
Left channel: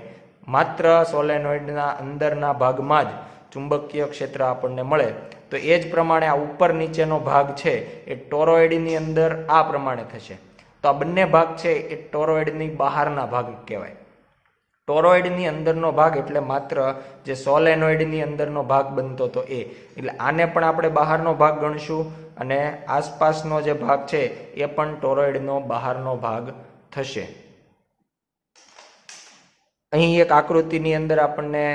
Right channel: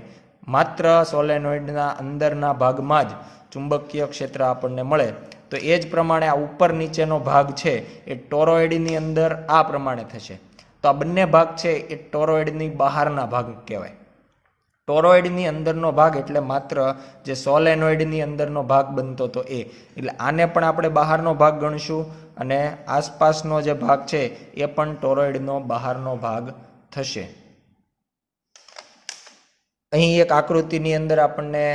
માત્ર સોલેનોઇડના અંદરના ભાગમાં જ ચુંબકીય ક્ષેત્ર આપણને મળે. તો એ જ પ્રમાણે આ ઉપર નીચેનો ભાગ છે એ ટોરોઇડની અંદર આ પ્રમાણે થશે. તો આ બંને ભાગ છે એ ટોરોઇડની બહારના ભાગ કહેવાય. ટોરોઇડની અંદરનો ભાગ એટલે માત્ર જે સોલેનોઇડની અંદરનો ભાગ બનતો હતો એ, એટલે આને પણ આપણે બહારનો ભાગ ગણશું અને આસપાસનો જે ભાગ છે એ પણ ટોરોઇડનો બહારનો ભાગ થશે. અહીં એક આકૃતિની અંદર આપણને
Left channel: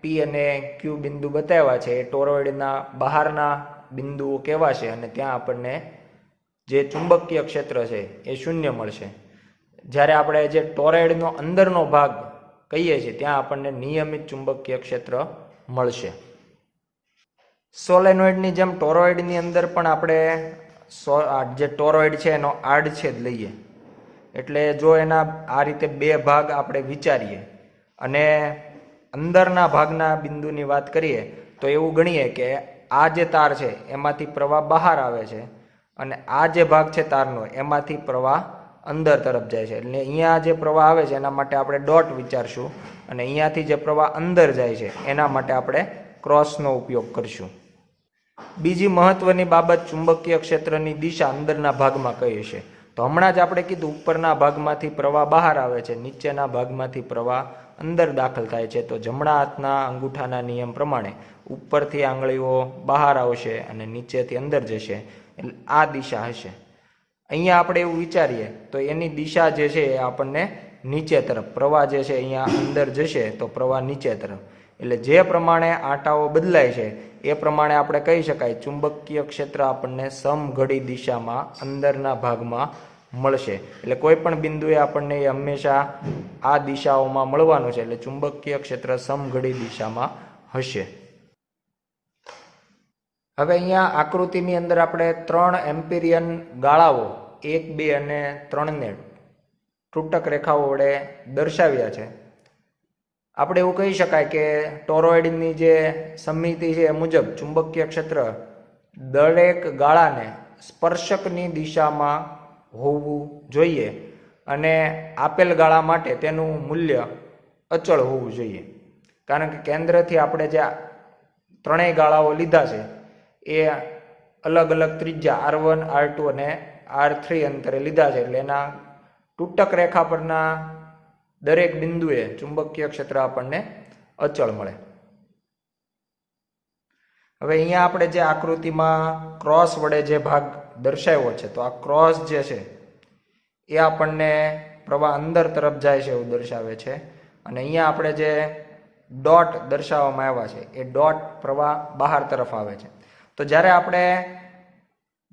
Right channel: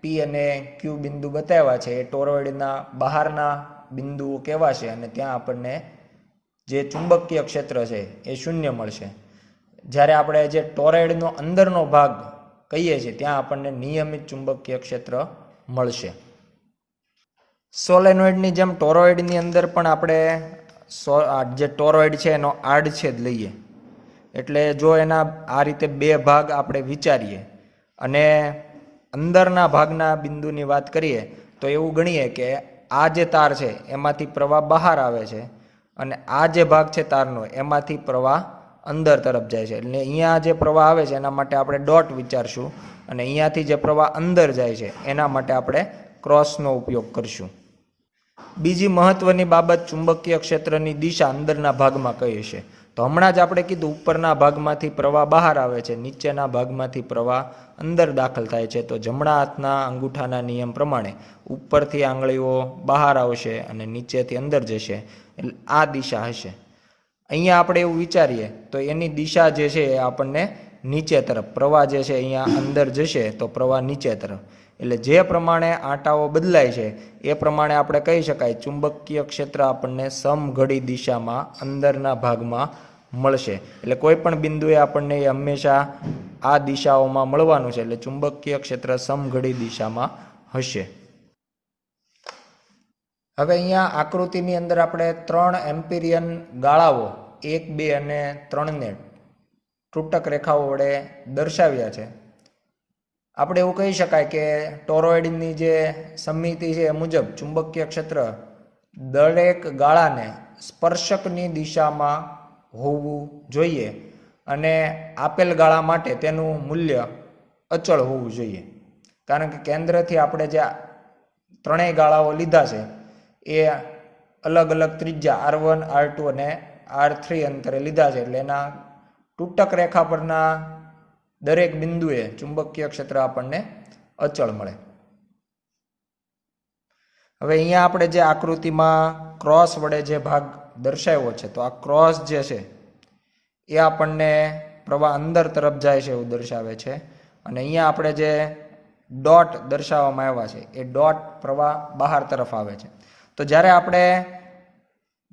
પી અને ક્યુ બિંદુ બતાવ્યા છે એ ટોરોઇડના બહારના બિંદુઓ કેવા છે અને ત્યાં આપણને જે ચુંબકીય ક્ષેત્ર છે એ શૂન્ય મળશે. જ્યારે આપણે જે ટોરોઇડનો અંદરનો ભાગ કહીએ છીએ ત્યાં આપણને નિયમિત ચુંબકીય ક્ષેત્ર મળશે. સોલેનોઇડની જેમ ટોરોઇડની અંદર પણ આપણે જે ટોરોઇડ છે એનો આડછેદ લઈએ, એટલે જો એના આ રીતે બે ભાગ આપણે વિચારીએ અને અંદરના ભાગના બિંદુની વાત કરીએ તો એવું ગણીએ કે આ જે તાર છે એમાંથી પ્રવાહ બહાર આવે છે અને આ જે ભાગ છે તારનો એમાંથી પ્રવાહ અંદર તરફ જાય છે. એટલે અહીંયા જે પ્રવાહ આવે છે એના માટે આપણે ડોટ વિચારશું અને અહીંયાથી જે પ્રવાહ અંદર જાય છે એના માટે આપણે ક્રોસનો ઉપયોગ કરશું. બીજી મહત્વની બાબત ચુંબકીય ક્ષેત્રની દિશા અંદરના ભાગમાં કઈ છે. તો હમણાં જ આપણે કીધું ઉપરના ભાગમાંથી પ્રવાહ બહાર આવે છે, નીચેના ભાગમાંથી પ્રવાહ અંદર દાખલ થાય છે. તો જમણા હાથના અંગૂઠાના નિયમ પ્રમાણે ઉપરથી આંગળીઓ બહાર આવશે અને નીચેથી અંદર જશે, એટલે આ દિશા હશે. અહીંયા આપણે એવું વિચારીએ તો એની દિશા જે છે એ આપણને નીચે તરફ, પ્રવાહ જે છે અહીંયા અંદર જશે તો પ્રવાહ નીચે તરફ. એટલે જે પ્રમાણે આંટાઓ બદલાય છે એ પ્રમાણે આપણે કહી શકાય ચુંબકીય ક્ષેત્ર આપણને સમઘડી દિશામાં અંદરના ભાગમાં મળશે. એટલે કોઈ પણ બિંદુએ આપણને એ હંમેશા આ દિશાઓમાં મળવાનું છે. એટલે ચુંબકીય ક્ષેત્ર સમઘડી દિશામાં હશે. હવે અહીંયા આકૃતિની અંદર આપણે 3 એમ્પિરિયન ગાળાઓ 1, 2 અને 3ને તૂટક રેખાઓ વડે દર્શાવ્યા છે. આપણે એવું કહી શકાય કે ટોરોઇડની જે સમિતિ છે એ મુજબ ચુંબકીય ક્ષેત્ર દરેક ગાળાને સ્પર્શકની દિશામાં હોવું જોઈએ અને આપેલ ગાળા માટે તેનું મૂલ્ય અચળ હોવું જોઈએ. કારણ કે કેન્દ્રથી આપણે જે ત્રણેય ગાળાઓ લીધા છે એ અલગ અલગ ત્રિજ્યા R1, R2 અને R3 અંતરે લીધા છે. એટલે એના તૂટક રેખા પરના દરેક બિંદુએ ચુંબકીય ક્ષેત્ર આપણને અચળ મળે. હવે અહીંયા આપણે જે આકૃતિમાં ક્રોસ વડે જે ભાગ દર્શાવ્યો છે, તો આ ક્રોસ જે છે એ આપણને પ્રવાહ અંદર તરફ જાય છે એવું દર્શાવે છે. અને અહીંયા આપણે જે ડોટ દર્શાવવામાં આવ્યા છે એ ડોટ પ્રવાહ બહાર તરફ આવે છે. તો જ્યારે આપણે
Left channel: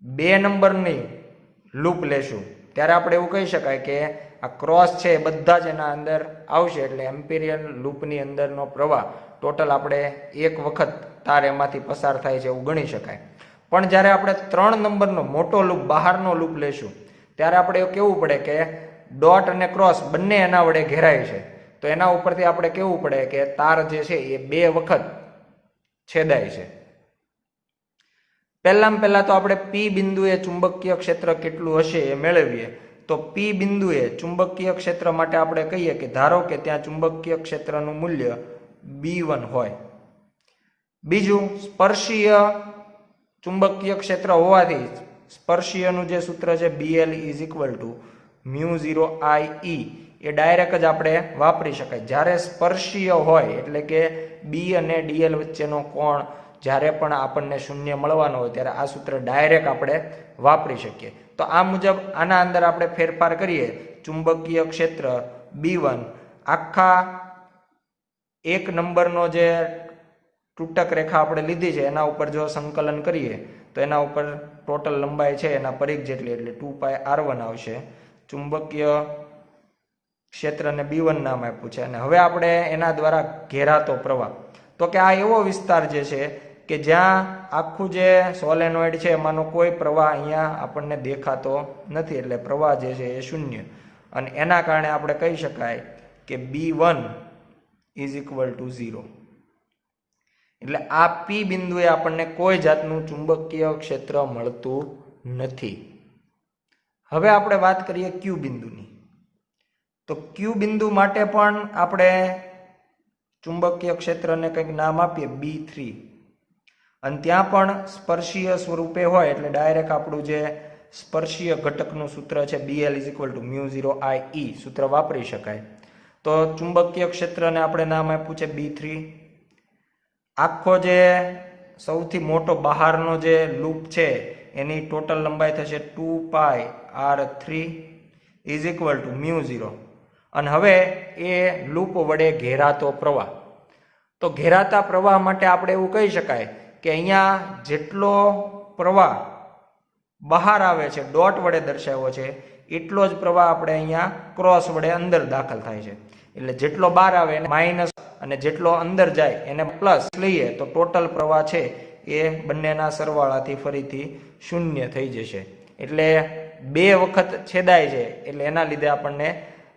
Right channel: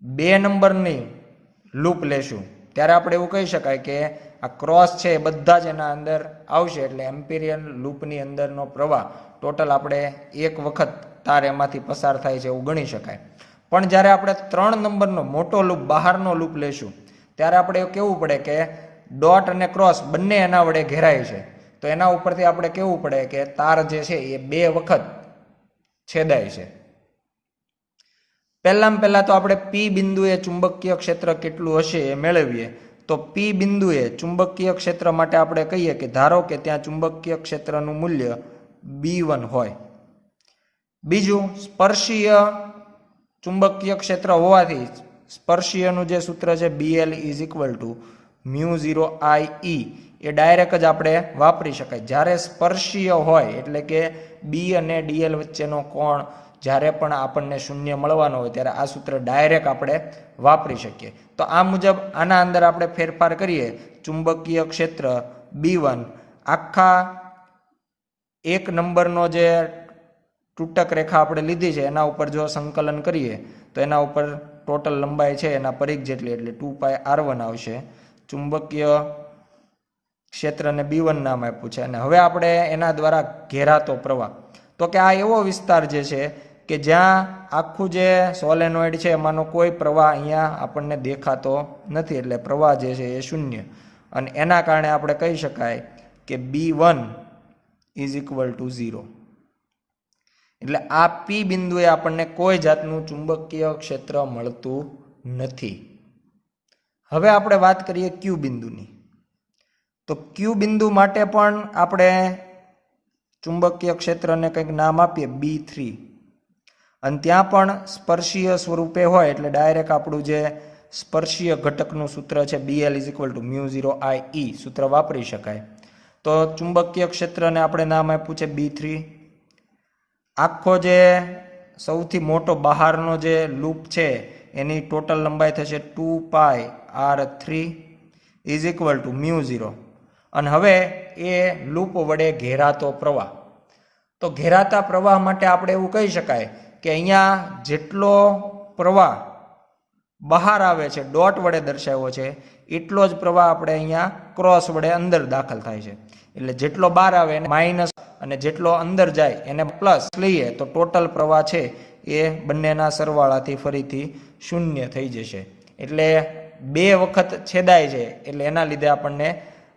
2 નંબરની લૂપ લેશું ત્યારે આપણે એવું કહી શકાય કે આ ક્રોસ છે એ બધા જ એના અંદર આવશે. એટલે એમ્પિરિયન લૂપની અંદરનો પ્રવાહ ટોટલ આપણે એક વખત તાર એમાંથી પસાર થાય છે એવું ગણી શકાય. પણ જ્યારે આપણે 3 નંબરનો મોટો લૂપ, બહારનો લૂપ લેશું ત્યારે આપણે એવું કહેવું પડે કે ડોટ અને ક્રોસ બંને એના વડે ઘેરાય છે. તો એના ઉપરથી આપણે કહેવું પડે કે તાર જે છે એ 2 વખત છેદાય છે. પહેલા તો આપણે પી બિંદુએ ચુંબકીય ક્ષેત્ર કેટલું હશે એ મેળવીએ. તો પી બિંદુએ ચુંબકીય ક્ષેત્ર માટે આપણે કહીએ કે ધારો કે ત્યાં ચુંબકીય ક્ષેત્રનું મૂલ્ય B1 હોય. બીજું, સ્પર્શીય ચુંબકીય ક્ષેત્ર હોવાથી સ્પર્શીયનું જે સૂત્ર છે BL = μ0I એ ડાયરેક્ટ જ આપણે વાપરી શકાય. જ્યારે સ્પર્શીય હોય એટલે કે B અને DL વચ્ચેનો કોણ જ્યારે પણ આપણને શૂન્ય મળવાનો હોય ત્યારે આ સૂત્ર ડાયરેક્ટ આપણે વાપરી શકીએ. તો આ મુજબ આના અંદર આપણે ફેરફાર કરીએ. ચુંબકીય ક્ષેત્ર B1 આખા 1 નંબરનો જે તૂટક રેખા આપણે લીધી છે એના ઉપર જો સંકલન કરીએ તો એના ઉપર ટોટલ લંબાઈ છે એના પરિઘ જેટલી, એટલે 2πr1 આવશે. ચુંબકીય ક્ષેત્રને B1 નામ આપ્યું છે. અને હવે આપણે એના દ્વારા ઘેરાતો પ્રવાહ, તો કે આ એવો વિસ્તાર જે છે કે જ્યાં આખું જે સોલેનોઇડ છે એમાંનો કોઈ પ્રવાહ અહીંયા આપણને દેખાતો નથી. એટલે પ્રવાહ જે છે એ શૂન્ય. અને એના કારણે આપણે કહી શકાય કે B1 = 0. એટલે આ પી બિંદુએ આપણને કોઈ જાતનું ચુંબકીય ક્ષેત્ર મળતું નથી. હવે આપણે વાત કરીએ ક્યુ બિંદુની. તો ક્યુ બિંદુ માટે પણ આપણે ચુંબકીય ક્ષેત્રને કંઈક નામ આપીએ B3. અને ત્યાં પણ સ્પર્શીય સ્વરૂપે હોય એટલે ડાયરેક્ટ આપણું જે સ્પર્શીય ઘટકનું સૂત્ર છે BL = μ0I સૂત્ર વાપરી શકાય. તો ચુંબકીય ક્ષેત્રને આપણે નામ આપ્યું છે B3. આખો જે સૌથી મોટો બહારનો જે લૂપ છે એની ટોટલ લંબાઈ થશે 2πr3 = μ0. અને હવે એ લૂપ વડે ઘેરાતો પ્રવાહ, તો ઘેરાતા પ્રવાહ માટે આપણે એવું કહી શકાય કે અહીંયા જેટલો પ્રવાહ બહાર આવે છે, ડોટ વડે દર્શાવ્યો છે, એટલો જ પ્રવાહ આપણે અહીંયા ક્રોસ વડે અંદર દાખલ થાય છે. એટલે જેટલો બહાર આવે એને માઇનસ અને જેટલો અંદર જાય એને પ્લસ લઈએ તો ટોટલ પ્રવાહ છે એ બંનેના સરવાળાથી ફરીથી શૂન્ય થઈ જશે. એટલે 2 વખત છેદાય છે એટલે એના લીધે આપણને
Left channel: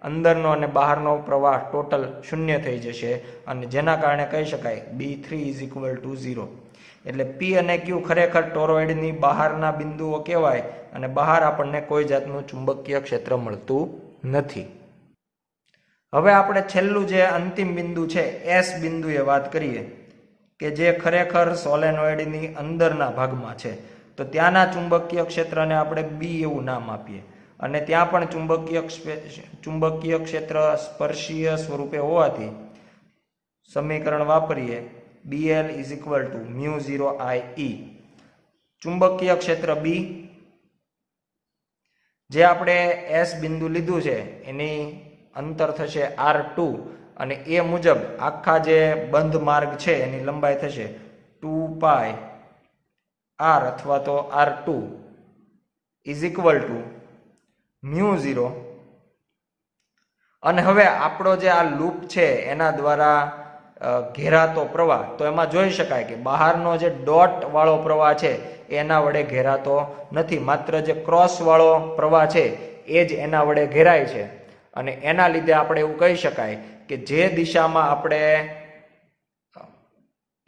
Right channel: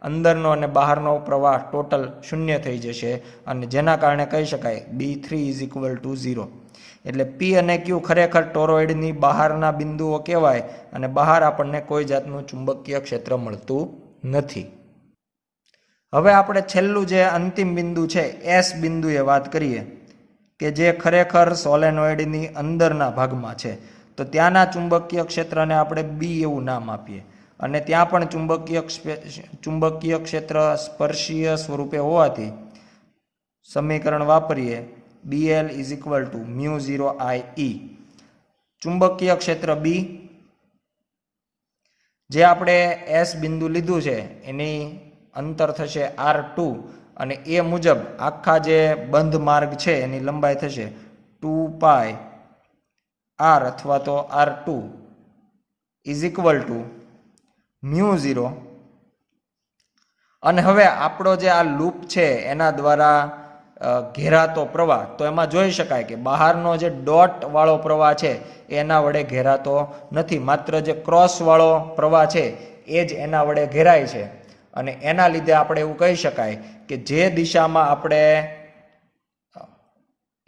અંદરનો અને બહારનો પ્રવાહ ટોટલ શૂન્ય થઈ જશે અને જેના કારણે કહી શકાય B3 = 0. એટલે P અને Q ખરેખર ટોરોઇડની બહારના બિંદુઓ કહેવાય અને બહાર આપણને કોઈ જાતનું ચુંબકીય ક્ષેત્ર મળતું નથી. હવે આપણે છેલ્લું જે અંતિમ બિંદુ છે S બિંદુએ વાત કરીએ કે જે ખરેખર સોલેનોઇડની અંદરના ભાગમાં છે. તો ત્યાંના ચુંબકીય ક્ષેત્રને આપણે B એવું નામ આપીએ અને ત્યાં પણ ચુંબકીય ક્ષેત્ર સ્પર્શીય સ્વરૂપે હોવાથી સમીકરણ વાપરીએ BL = μ0I. ચુંબકીય ક્ષેત્ર B જે આપણે S બિંદુ લીધું છે એની અંતર થશે R2 અને એ મુજબ આખા જે બંધ માર્ગ છે એની લંબાઈ થશે 2π R અથવા તો R2 = μ0. અને હવે આપણો જે આ લૂપ છે એના દ્વારા ઘેરાતો પ્રવાહ, તો એમાં જોઈ શકાય કે બહારનો જે ડોટ વાળો પ્રવાહ છે એના વડે ઘેરાતો નથી, માત્ર જે ક્રોસ વાળો પ્રવાહ છે એ જ એના વડે ઘેરાય છે. અને એના લીધે આપણે એવું કહી શકાય કે જે દિશામાં આપણે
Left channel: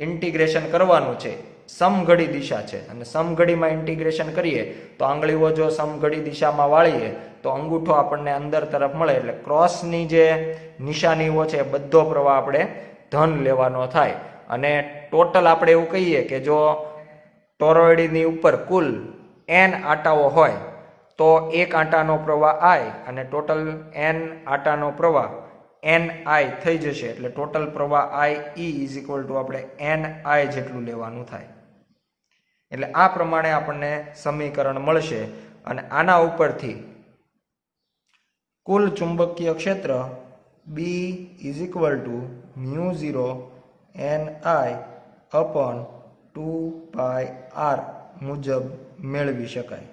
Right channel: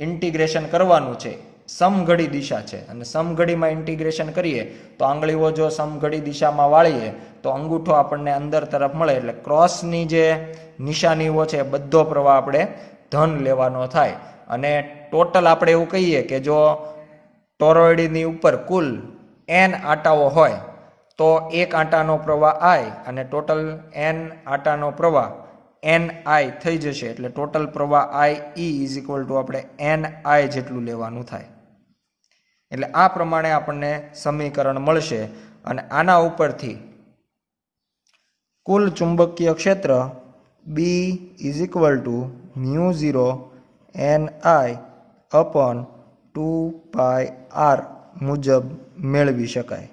ઇન્ટિગ્રેશન કરવાનું છે સમઘડી દિશા છે અને સમઘડીમાં ઇન્ટિગ્રેશન કરીએ તો આંગળીઓ જો સમઘડી દિશામાં વાળીએ તો અંગૂઠો આપણને અંદર તરફ મળે. એટલે ક્રોસની જે નિશાનીઓ છે બધો પ્રવાહ આપણે ધન લેવાનો થાય. અને ટોટલ આપણે એવું કહીએ કે જો ટોરોઇડની ઉપર કુલ n આંટાઓ હોય તો એક આંટાનો પ્રવાહ I અને ટોટલ n આંટાનો પ્રવાહ NI થઈ જશે. એટલે ટોટલ પ્રવાહ IE = આપણે NI જેટલું લેવાનું થાય. એટલે આ પ્રમાણે આપણને સમીકરણ મળશે અને આના ઉપરથી કુલ ચુંબકીય ક્ષેત્ર B = μ0NI/2πr મુજબ મેળવી શકાય.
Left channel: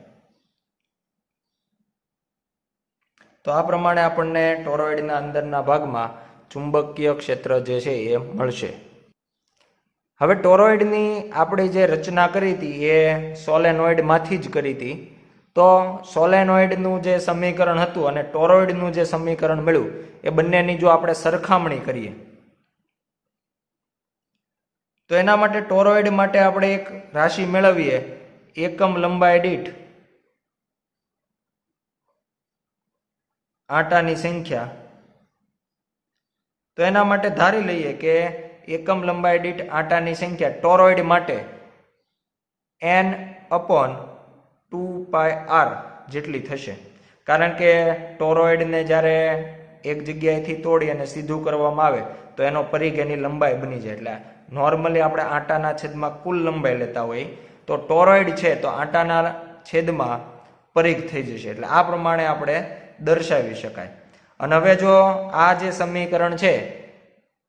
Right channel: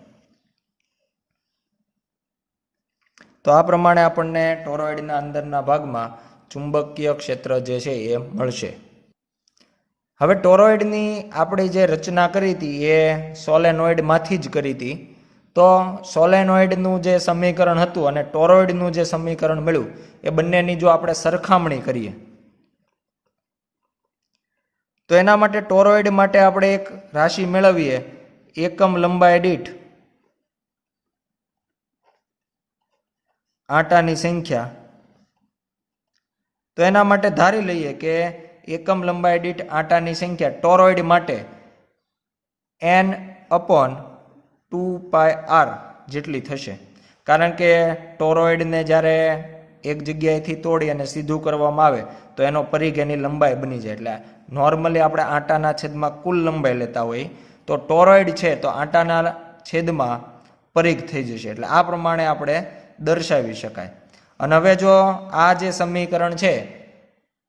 તો આ પ્રમાણે આપણને ટોરોઇડના અંદરના ભાગમાં ચુંબકીય ક્ષેત્ર જે છે એ મળશે. હવે ટોરોઇડની આપણે જે રચના કરી હતી એ સોલેનોઇડમાંથી જ કરી હતી. તો સોલેનોઇડનું જે સમીકરણ હતું અને ટોરોઇડનું જે સમીકરણ મળ્યું એ બંનેની જો આપણે સરખામણી કરીએ તો એના માટે ટોરોઇડ માટે આપણે એક રાશિ મેળવીએ, એકમ લંબાઈ દીઠ આંટાની સંખ્યા. તો એના માટે ધારી લઈએ કે એકમ લંબાઈ દીઠ આંટાની સંખ્યા ટોરોઇડ માટે n/2πr જેટલી થશે. કારણ કે ટોરોઇડને જ્યારે એક જગ્યાએથી તોડી અને સીધું કરવામાં આવે તો એનો પરિઘ એની લંબાઈ બની જાય. એટલે નોર્મલી આપણે આંટાના છેદમાં કુલ લંબાઈ લેતા હોઈએ તો ટોરોઇડ છે તો આંટાના છેદમાં પરિઘ થઈ જશે. એટલે આ પ્રમાણે આપણે દર્શાવી શકાય. અને હવે જો આ જે સમીકરણ છે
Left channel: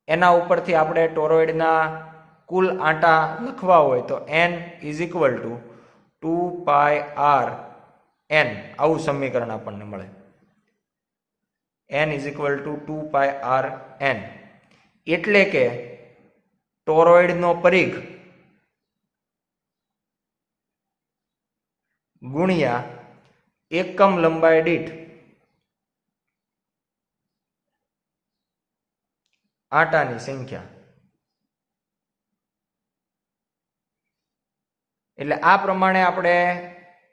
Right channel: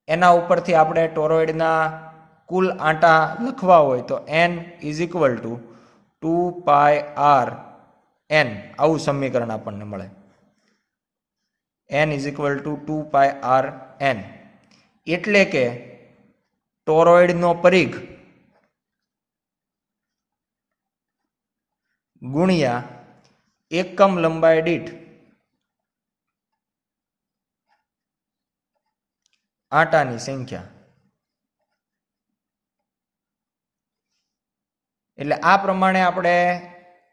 એના ઉપરથી આપણે ટોરોઇડના કુલ આંટા લખવા હોય તો n = 2πrn આવું સમીકરણ આપણને મળે. n = 2πrn એટલે કે ટોરોઇડનો પરિઘ ગુણ્યા એકમ લંબાઈ દીઠ આંટાની સંખ્યા. એટલે આ પ્રમાણે આપણે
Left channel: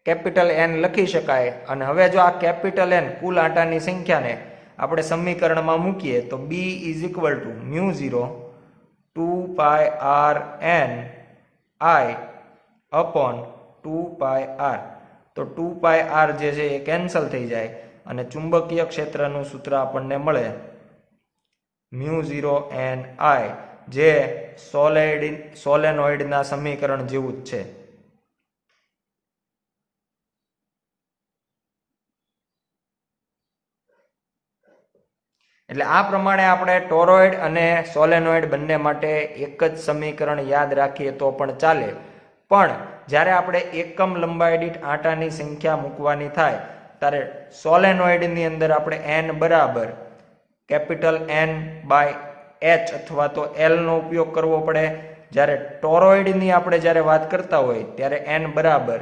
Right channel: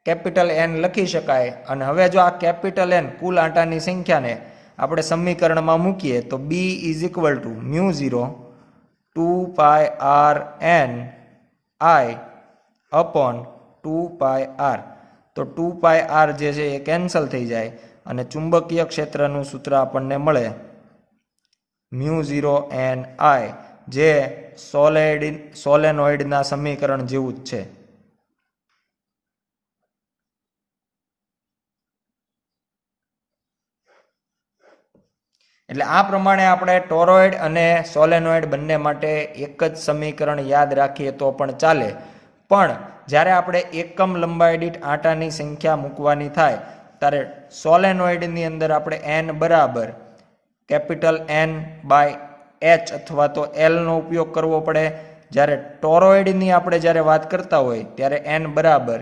કેપિટલ N લખી શકાય. અને હવે જો આ કેપિટલ N કુલ આંટાની સંખ્યાને આપણે સમીકરણમાં મૂકીએ તો B = μ0 2πrni/2πr. તો 2πr જે છે એ કેન્સલ થઈ જાય અને ચુંબકીય ક્ષેત્રનું સૂત્ર આપણને મળે μ0NI જે સોલેનોઇડના સમીકરણ જેવું જ છે. એટલે આ પ્રમાણે આપણે ટોરોઇડ અને સોલેનોઇડ બંને માટે એક જ સમીકરણ યાદ રાખીએ તો પણ ચાલે, પણ જ્યારે આપણે એકમ લંબાઈ દીઠ આંટાની સંખ્યા મૂકવાની થાય ત્યારે સોલેનોઇડની અંદર આપણે n બરાબર કેપિટલ N બાય H અથવા તો L નો ઉપયોગ કરવો પડે. જ્યારે ટોરોઇડની આપણે જ્યારે વાત કરતા હોય ત્યારે n બરાબર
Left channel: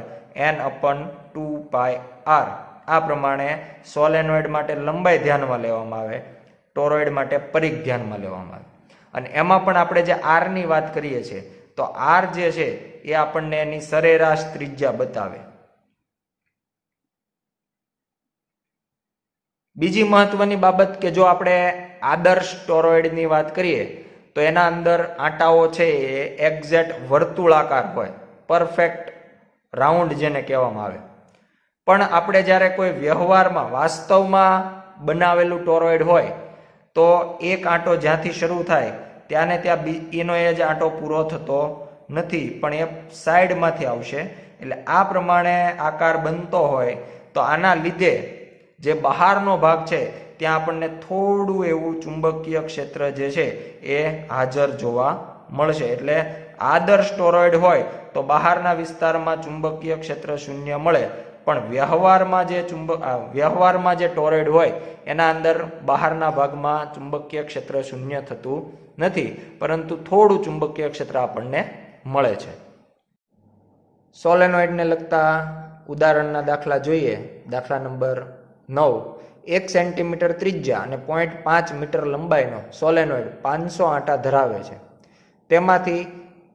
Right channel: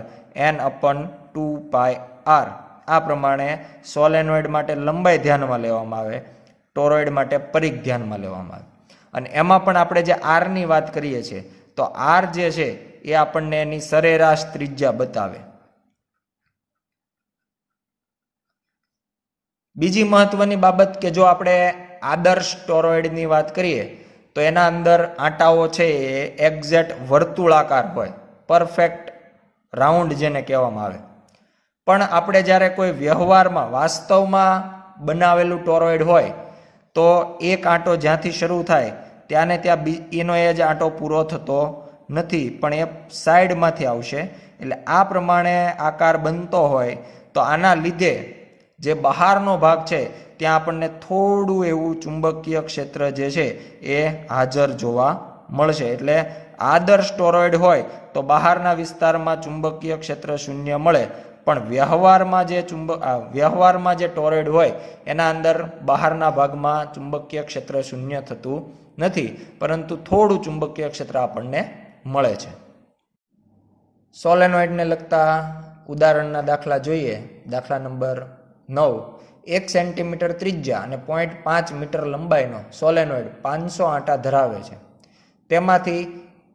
n/2πr. આ પ્રમાણે સોલેનોઇડ માટે લંબાઈ ધ્યાનમાં લેવામાં આવે, ટોરોઇડ માટે પરિઘ ધ્યાનમાં લેવામાં આવે. અને એમાં પણ આપણે જે આરની વાત કરીએ છીએ તો આર જે છે એ આપણને એની સરેરાશ ત્રિજ્યા બતાવે. બીજી મહત્વની બાબત કે જો આપણે આદર્શ ટોરોઇડની વાત કરીએ તો એના અંદર આંટાઓ છે એ એક્ઝેક્ટ વર્તુળાકાર હોય, પરફેક્ટ રાઉન્ડ જેને કહેવામાં આવે. પણ આપણે જ્યારે કોઈ વ્યવહારમાં વાસ્તવમાં બનાવેલું ટોરોઇડ હોય તો એક આંટો જ્યાંથી શરૂ થાય ત્યાંને ત્યાં એનો એ જ આંટો પૂરો થતો નથી, પણ એ સાઈડમાંથી આવશે. એટલે આ પ્રમાણે આકાર બનતો હોય તો આના લીધે જે બહારનો ભાગ છે ત્યાં આપણને થોડું એવું ચુંબકીય ક્ષેત્ર જે છે એ હાજર જોવા મળશે. એટલે આદર્શ ટોરોઇડ હોય તો બહારના વિસ્તારમાં ચુંબકીય ક્ષેત્ર શૂન્ય મળે, પણ વ્યવહારમાં જે ટોરોઇડ હોય એના અંદર બહારના ભાગમાં ચુંબકીય ક્ષેત્ર શૂન્ય થતું નથી, પરંતુ થોડું ચુંબકીય ક્ષેત્ર આપણને મળે છે. સોલેનોઇડને લગતા ઉદાહરણના દાખલા જોઈએ. દાખલા નંબર 9. 1 સેન્ટીમીટર ત્રિજ્યા અને 0.5 મીટર લંબાઈનો સોલેનોઇડ 500 આંટા ધરાવે છે. તેમાંથી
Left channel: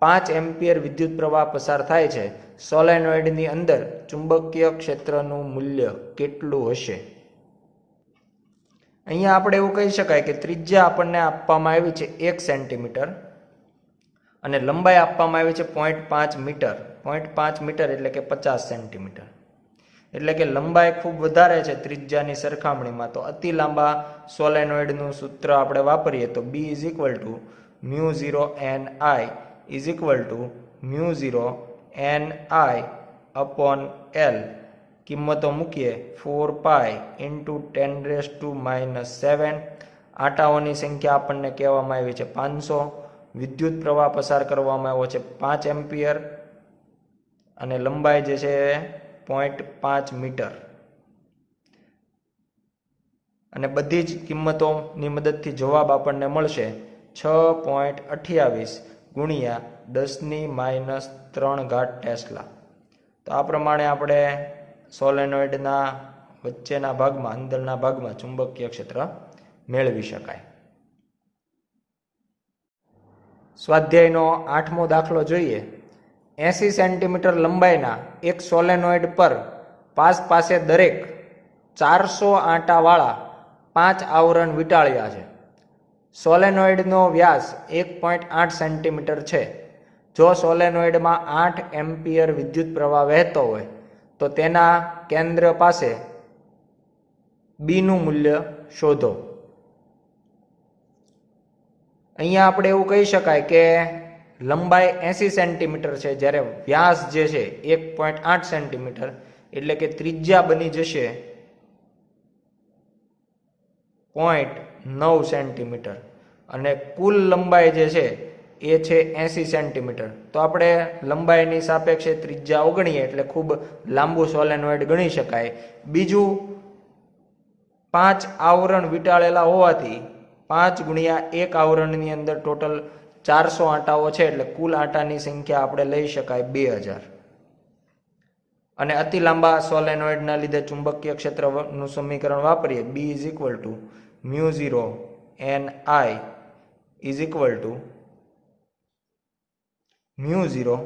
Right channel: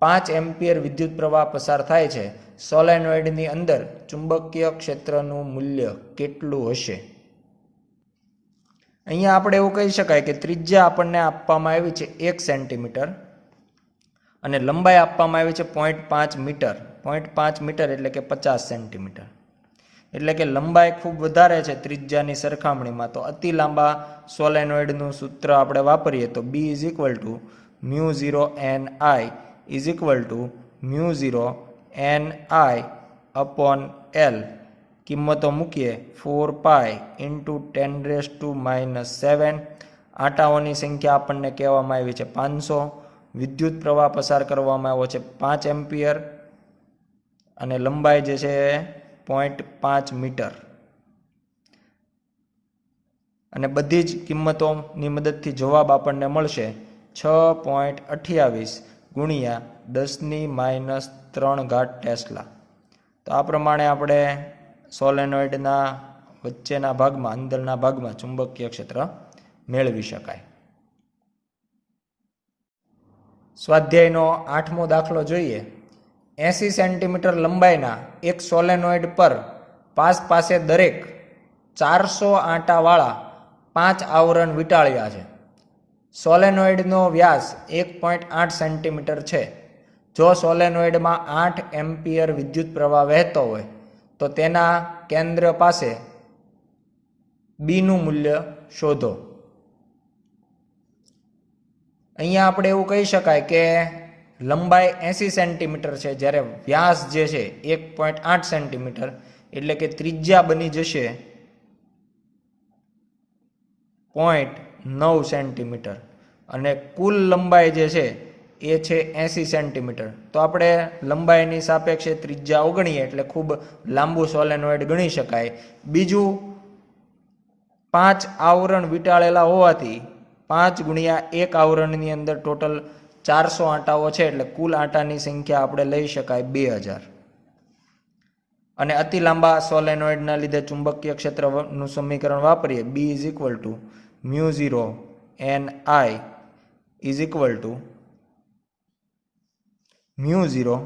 5 એમ્પિયર વિદ્યુત પ્રવાહ પસાર થાય છે. સોલેનોઇડની અંદર ચુંબકીય ક્ષેત્રનું મૂલ્ય કેટલું હશે? અહીંયા આપણે એવું કહી શકાય કે ત્રિજ્યા આપણને આપવામાં આવી છે 1 સેન્ટીમીટર અને લંબાઈ આપવામાં આવી છે 0.5 મીટર. 0.5 મીટર એટલે કે 50 સેન્ટીમીટર. એટલે કે લંબાઈ ખૂબ વધારે છે ત્રિજ્યાની સરખામણીમાં. તો અતિ લાંબા સોલેનોઇડનું સૂત્ર આપણે વાપરીએ તો B = μ0 Ni μ0 Ni/L. કિંમતો મૂકીએ 4π × 10⁻⁷. આંટાઓની સંખ્યા આપણને કહેવામાં આવી છે 500. વિદ્યુત પ્રવાહ પસાર કરવામાં આવ્યો છે 5 એમ્પિયર અને લંબાઈ જે છે 0.5 મીટર. અને બધી જ કિંમતોની મદદથી જવાબ આપણને મળશે 6.28 × 10⁻³ ટેસ્લા. તો આ પ્રમાણે આપણે સોલેનોઇડના વચ્ચેના ભાગમાં, અંદરના ભાગમાં ચુંબકીય ક્ષેત્ર મેળવી શકાય. સ્વાધ્યાયનો 8મો દાખલો જોઈએ. 80 સેન્ટીમીટર લંબાઈના એક સોલેનોઇડ પર પાસે દરેક 400 આંટાવાળા 5 આવરણ વીંટાળ્યા છે. સોલેનોઇડનો વ્યાસ 1.8 સેન્ટીમીટર છે. જો સોલેનોઇડમાં 8 એમ્પિયર વિદ્યુત પ્રવાહ વહેતો હોય તો તેના કેન્દ્ર પાસે બીનું મૂલ્ય શોધો. અહીંયા આપણે એવું કહી શકાય કે લંબાઈ 80 સેન્ટીમીટર છે, જ્યારે વ્યાસ જે છે 1.8 સેન્ટીમીટર, એટલે કે ત્રિજ્યા બની જશે 0.9 સેન્ટીમીટર અને કુલ લંબાઈ જે છે એ છે 80 સેન્ટીમીટર. તો આપણે લંબાઈની સાપેક્ષે ત્રિજ્યા અવગણીએ એટલે ખૂબ લાંબુ સોલેનોઇડ ગણી શકાય. બીજું 5 આવરણ વીંટાળેલા હોવાથી 5 × 1 આવરણની અંદર ટોટલ 400 આંટાઓ છે, એટલે કુલ આંટાની સંખ્યા આપણે લઈ શકાય 2000. અને અતિ લાંબા સોલેનોઇડના લીધે ચુંબકીય ક્ષેત્રનું સમીકરણ વાપરીએ B = μ0 Ni μ0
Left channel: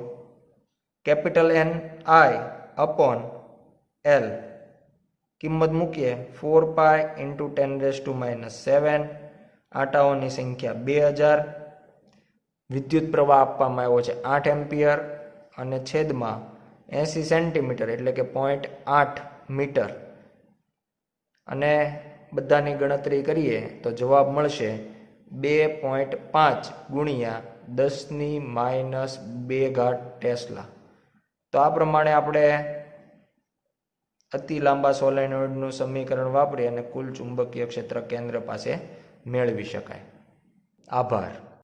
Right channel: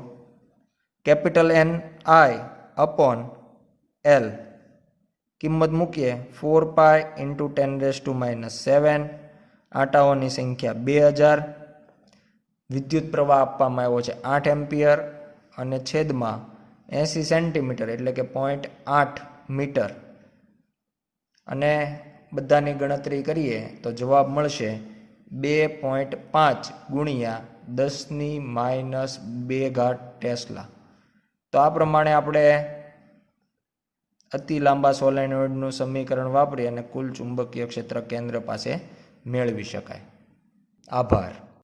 Ni/L. કિંમત મૂકીએ 4π × 10⁻⁷. આંટાઓની સંખ્યા 2000. વિદ્યુત પ્રવાહ આપવામાં આવ્યો છે 8 એમ્પિયર અને છેદમાં 80 સેન્ટીમીટર એટલે કે 0.8 મીટર. અને બધાની ગણતરી કરીએ તો જવાબ મળશે 2.5 × 10⁻² ટેસ્લા. તો આ પ્રમાણે આપણે અતિ લાંબા સોલેનોઇડનું સમીકરણ વાપરી અને કુલ ચુંબકીય ક્ષેત્ર કેન્દ્ર પાસે મેળવી શકાય. આભાર.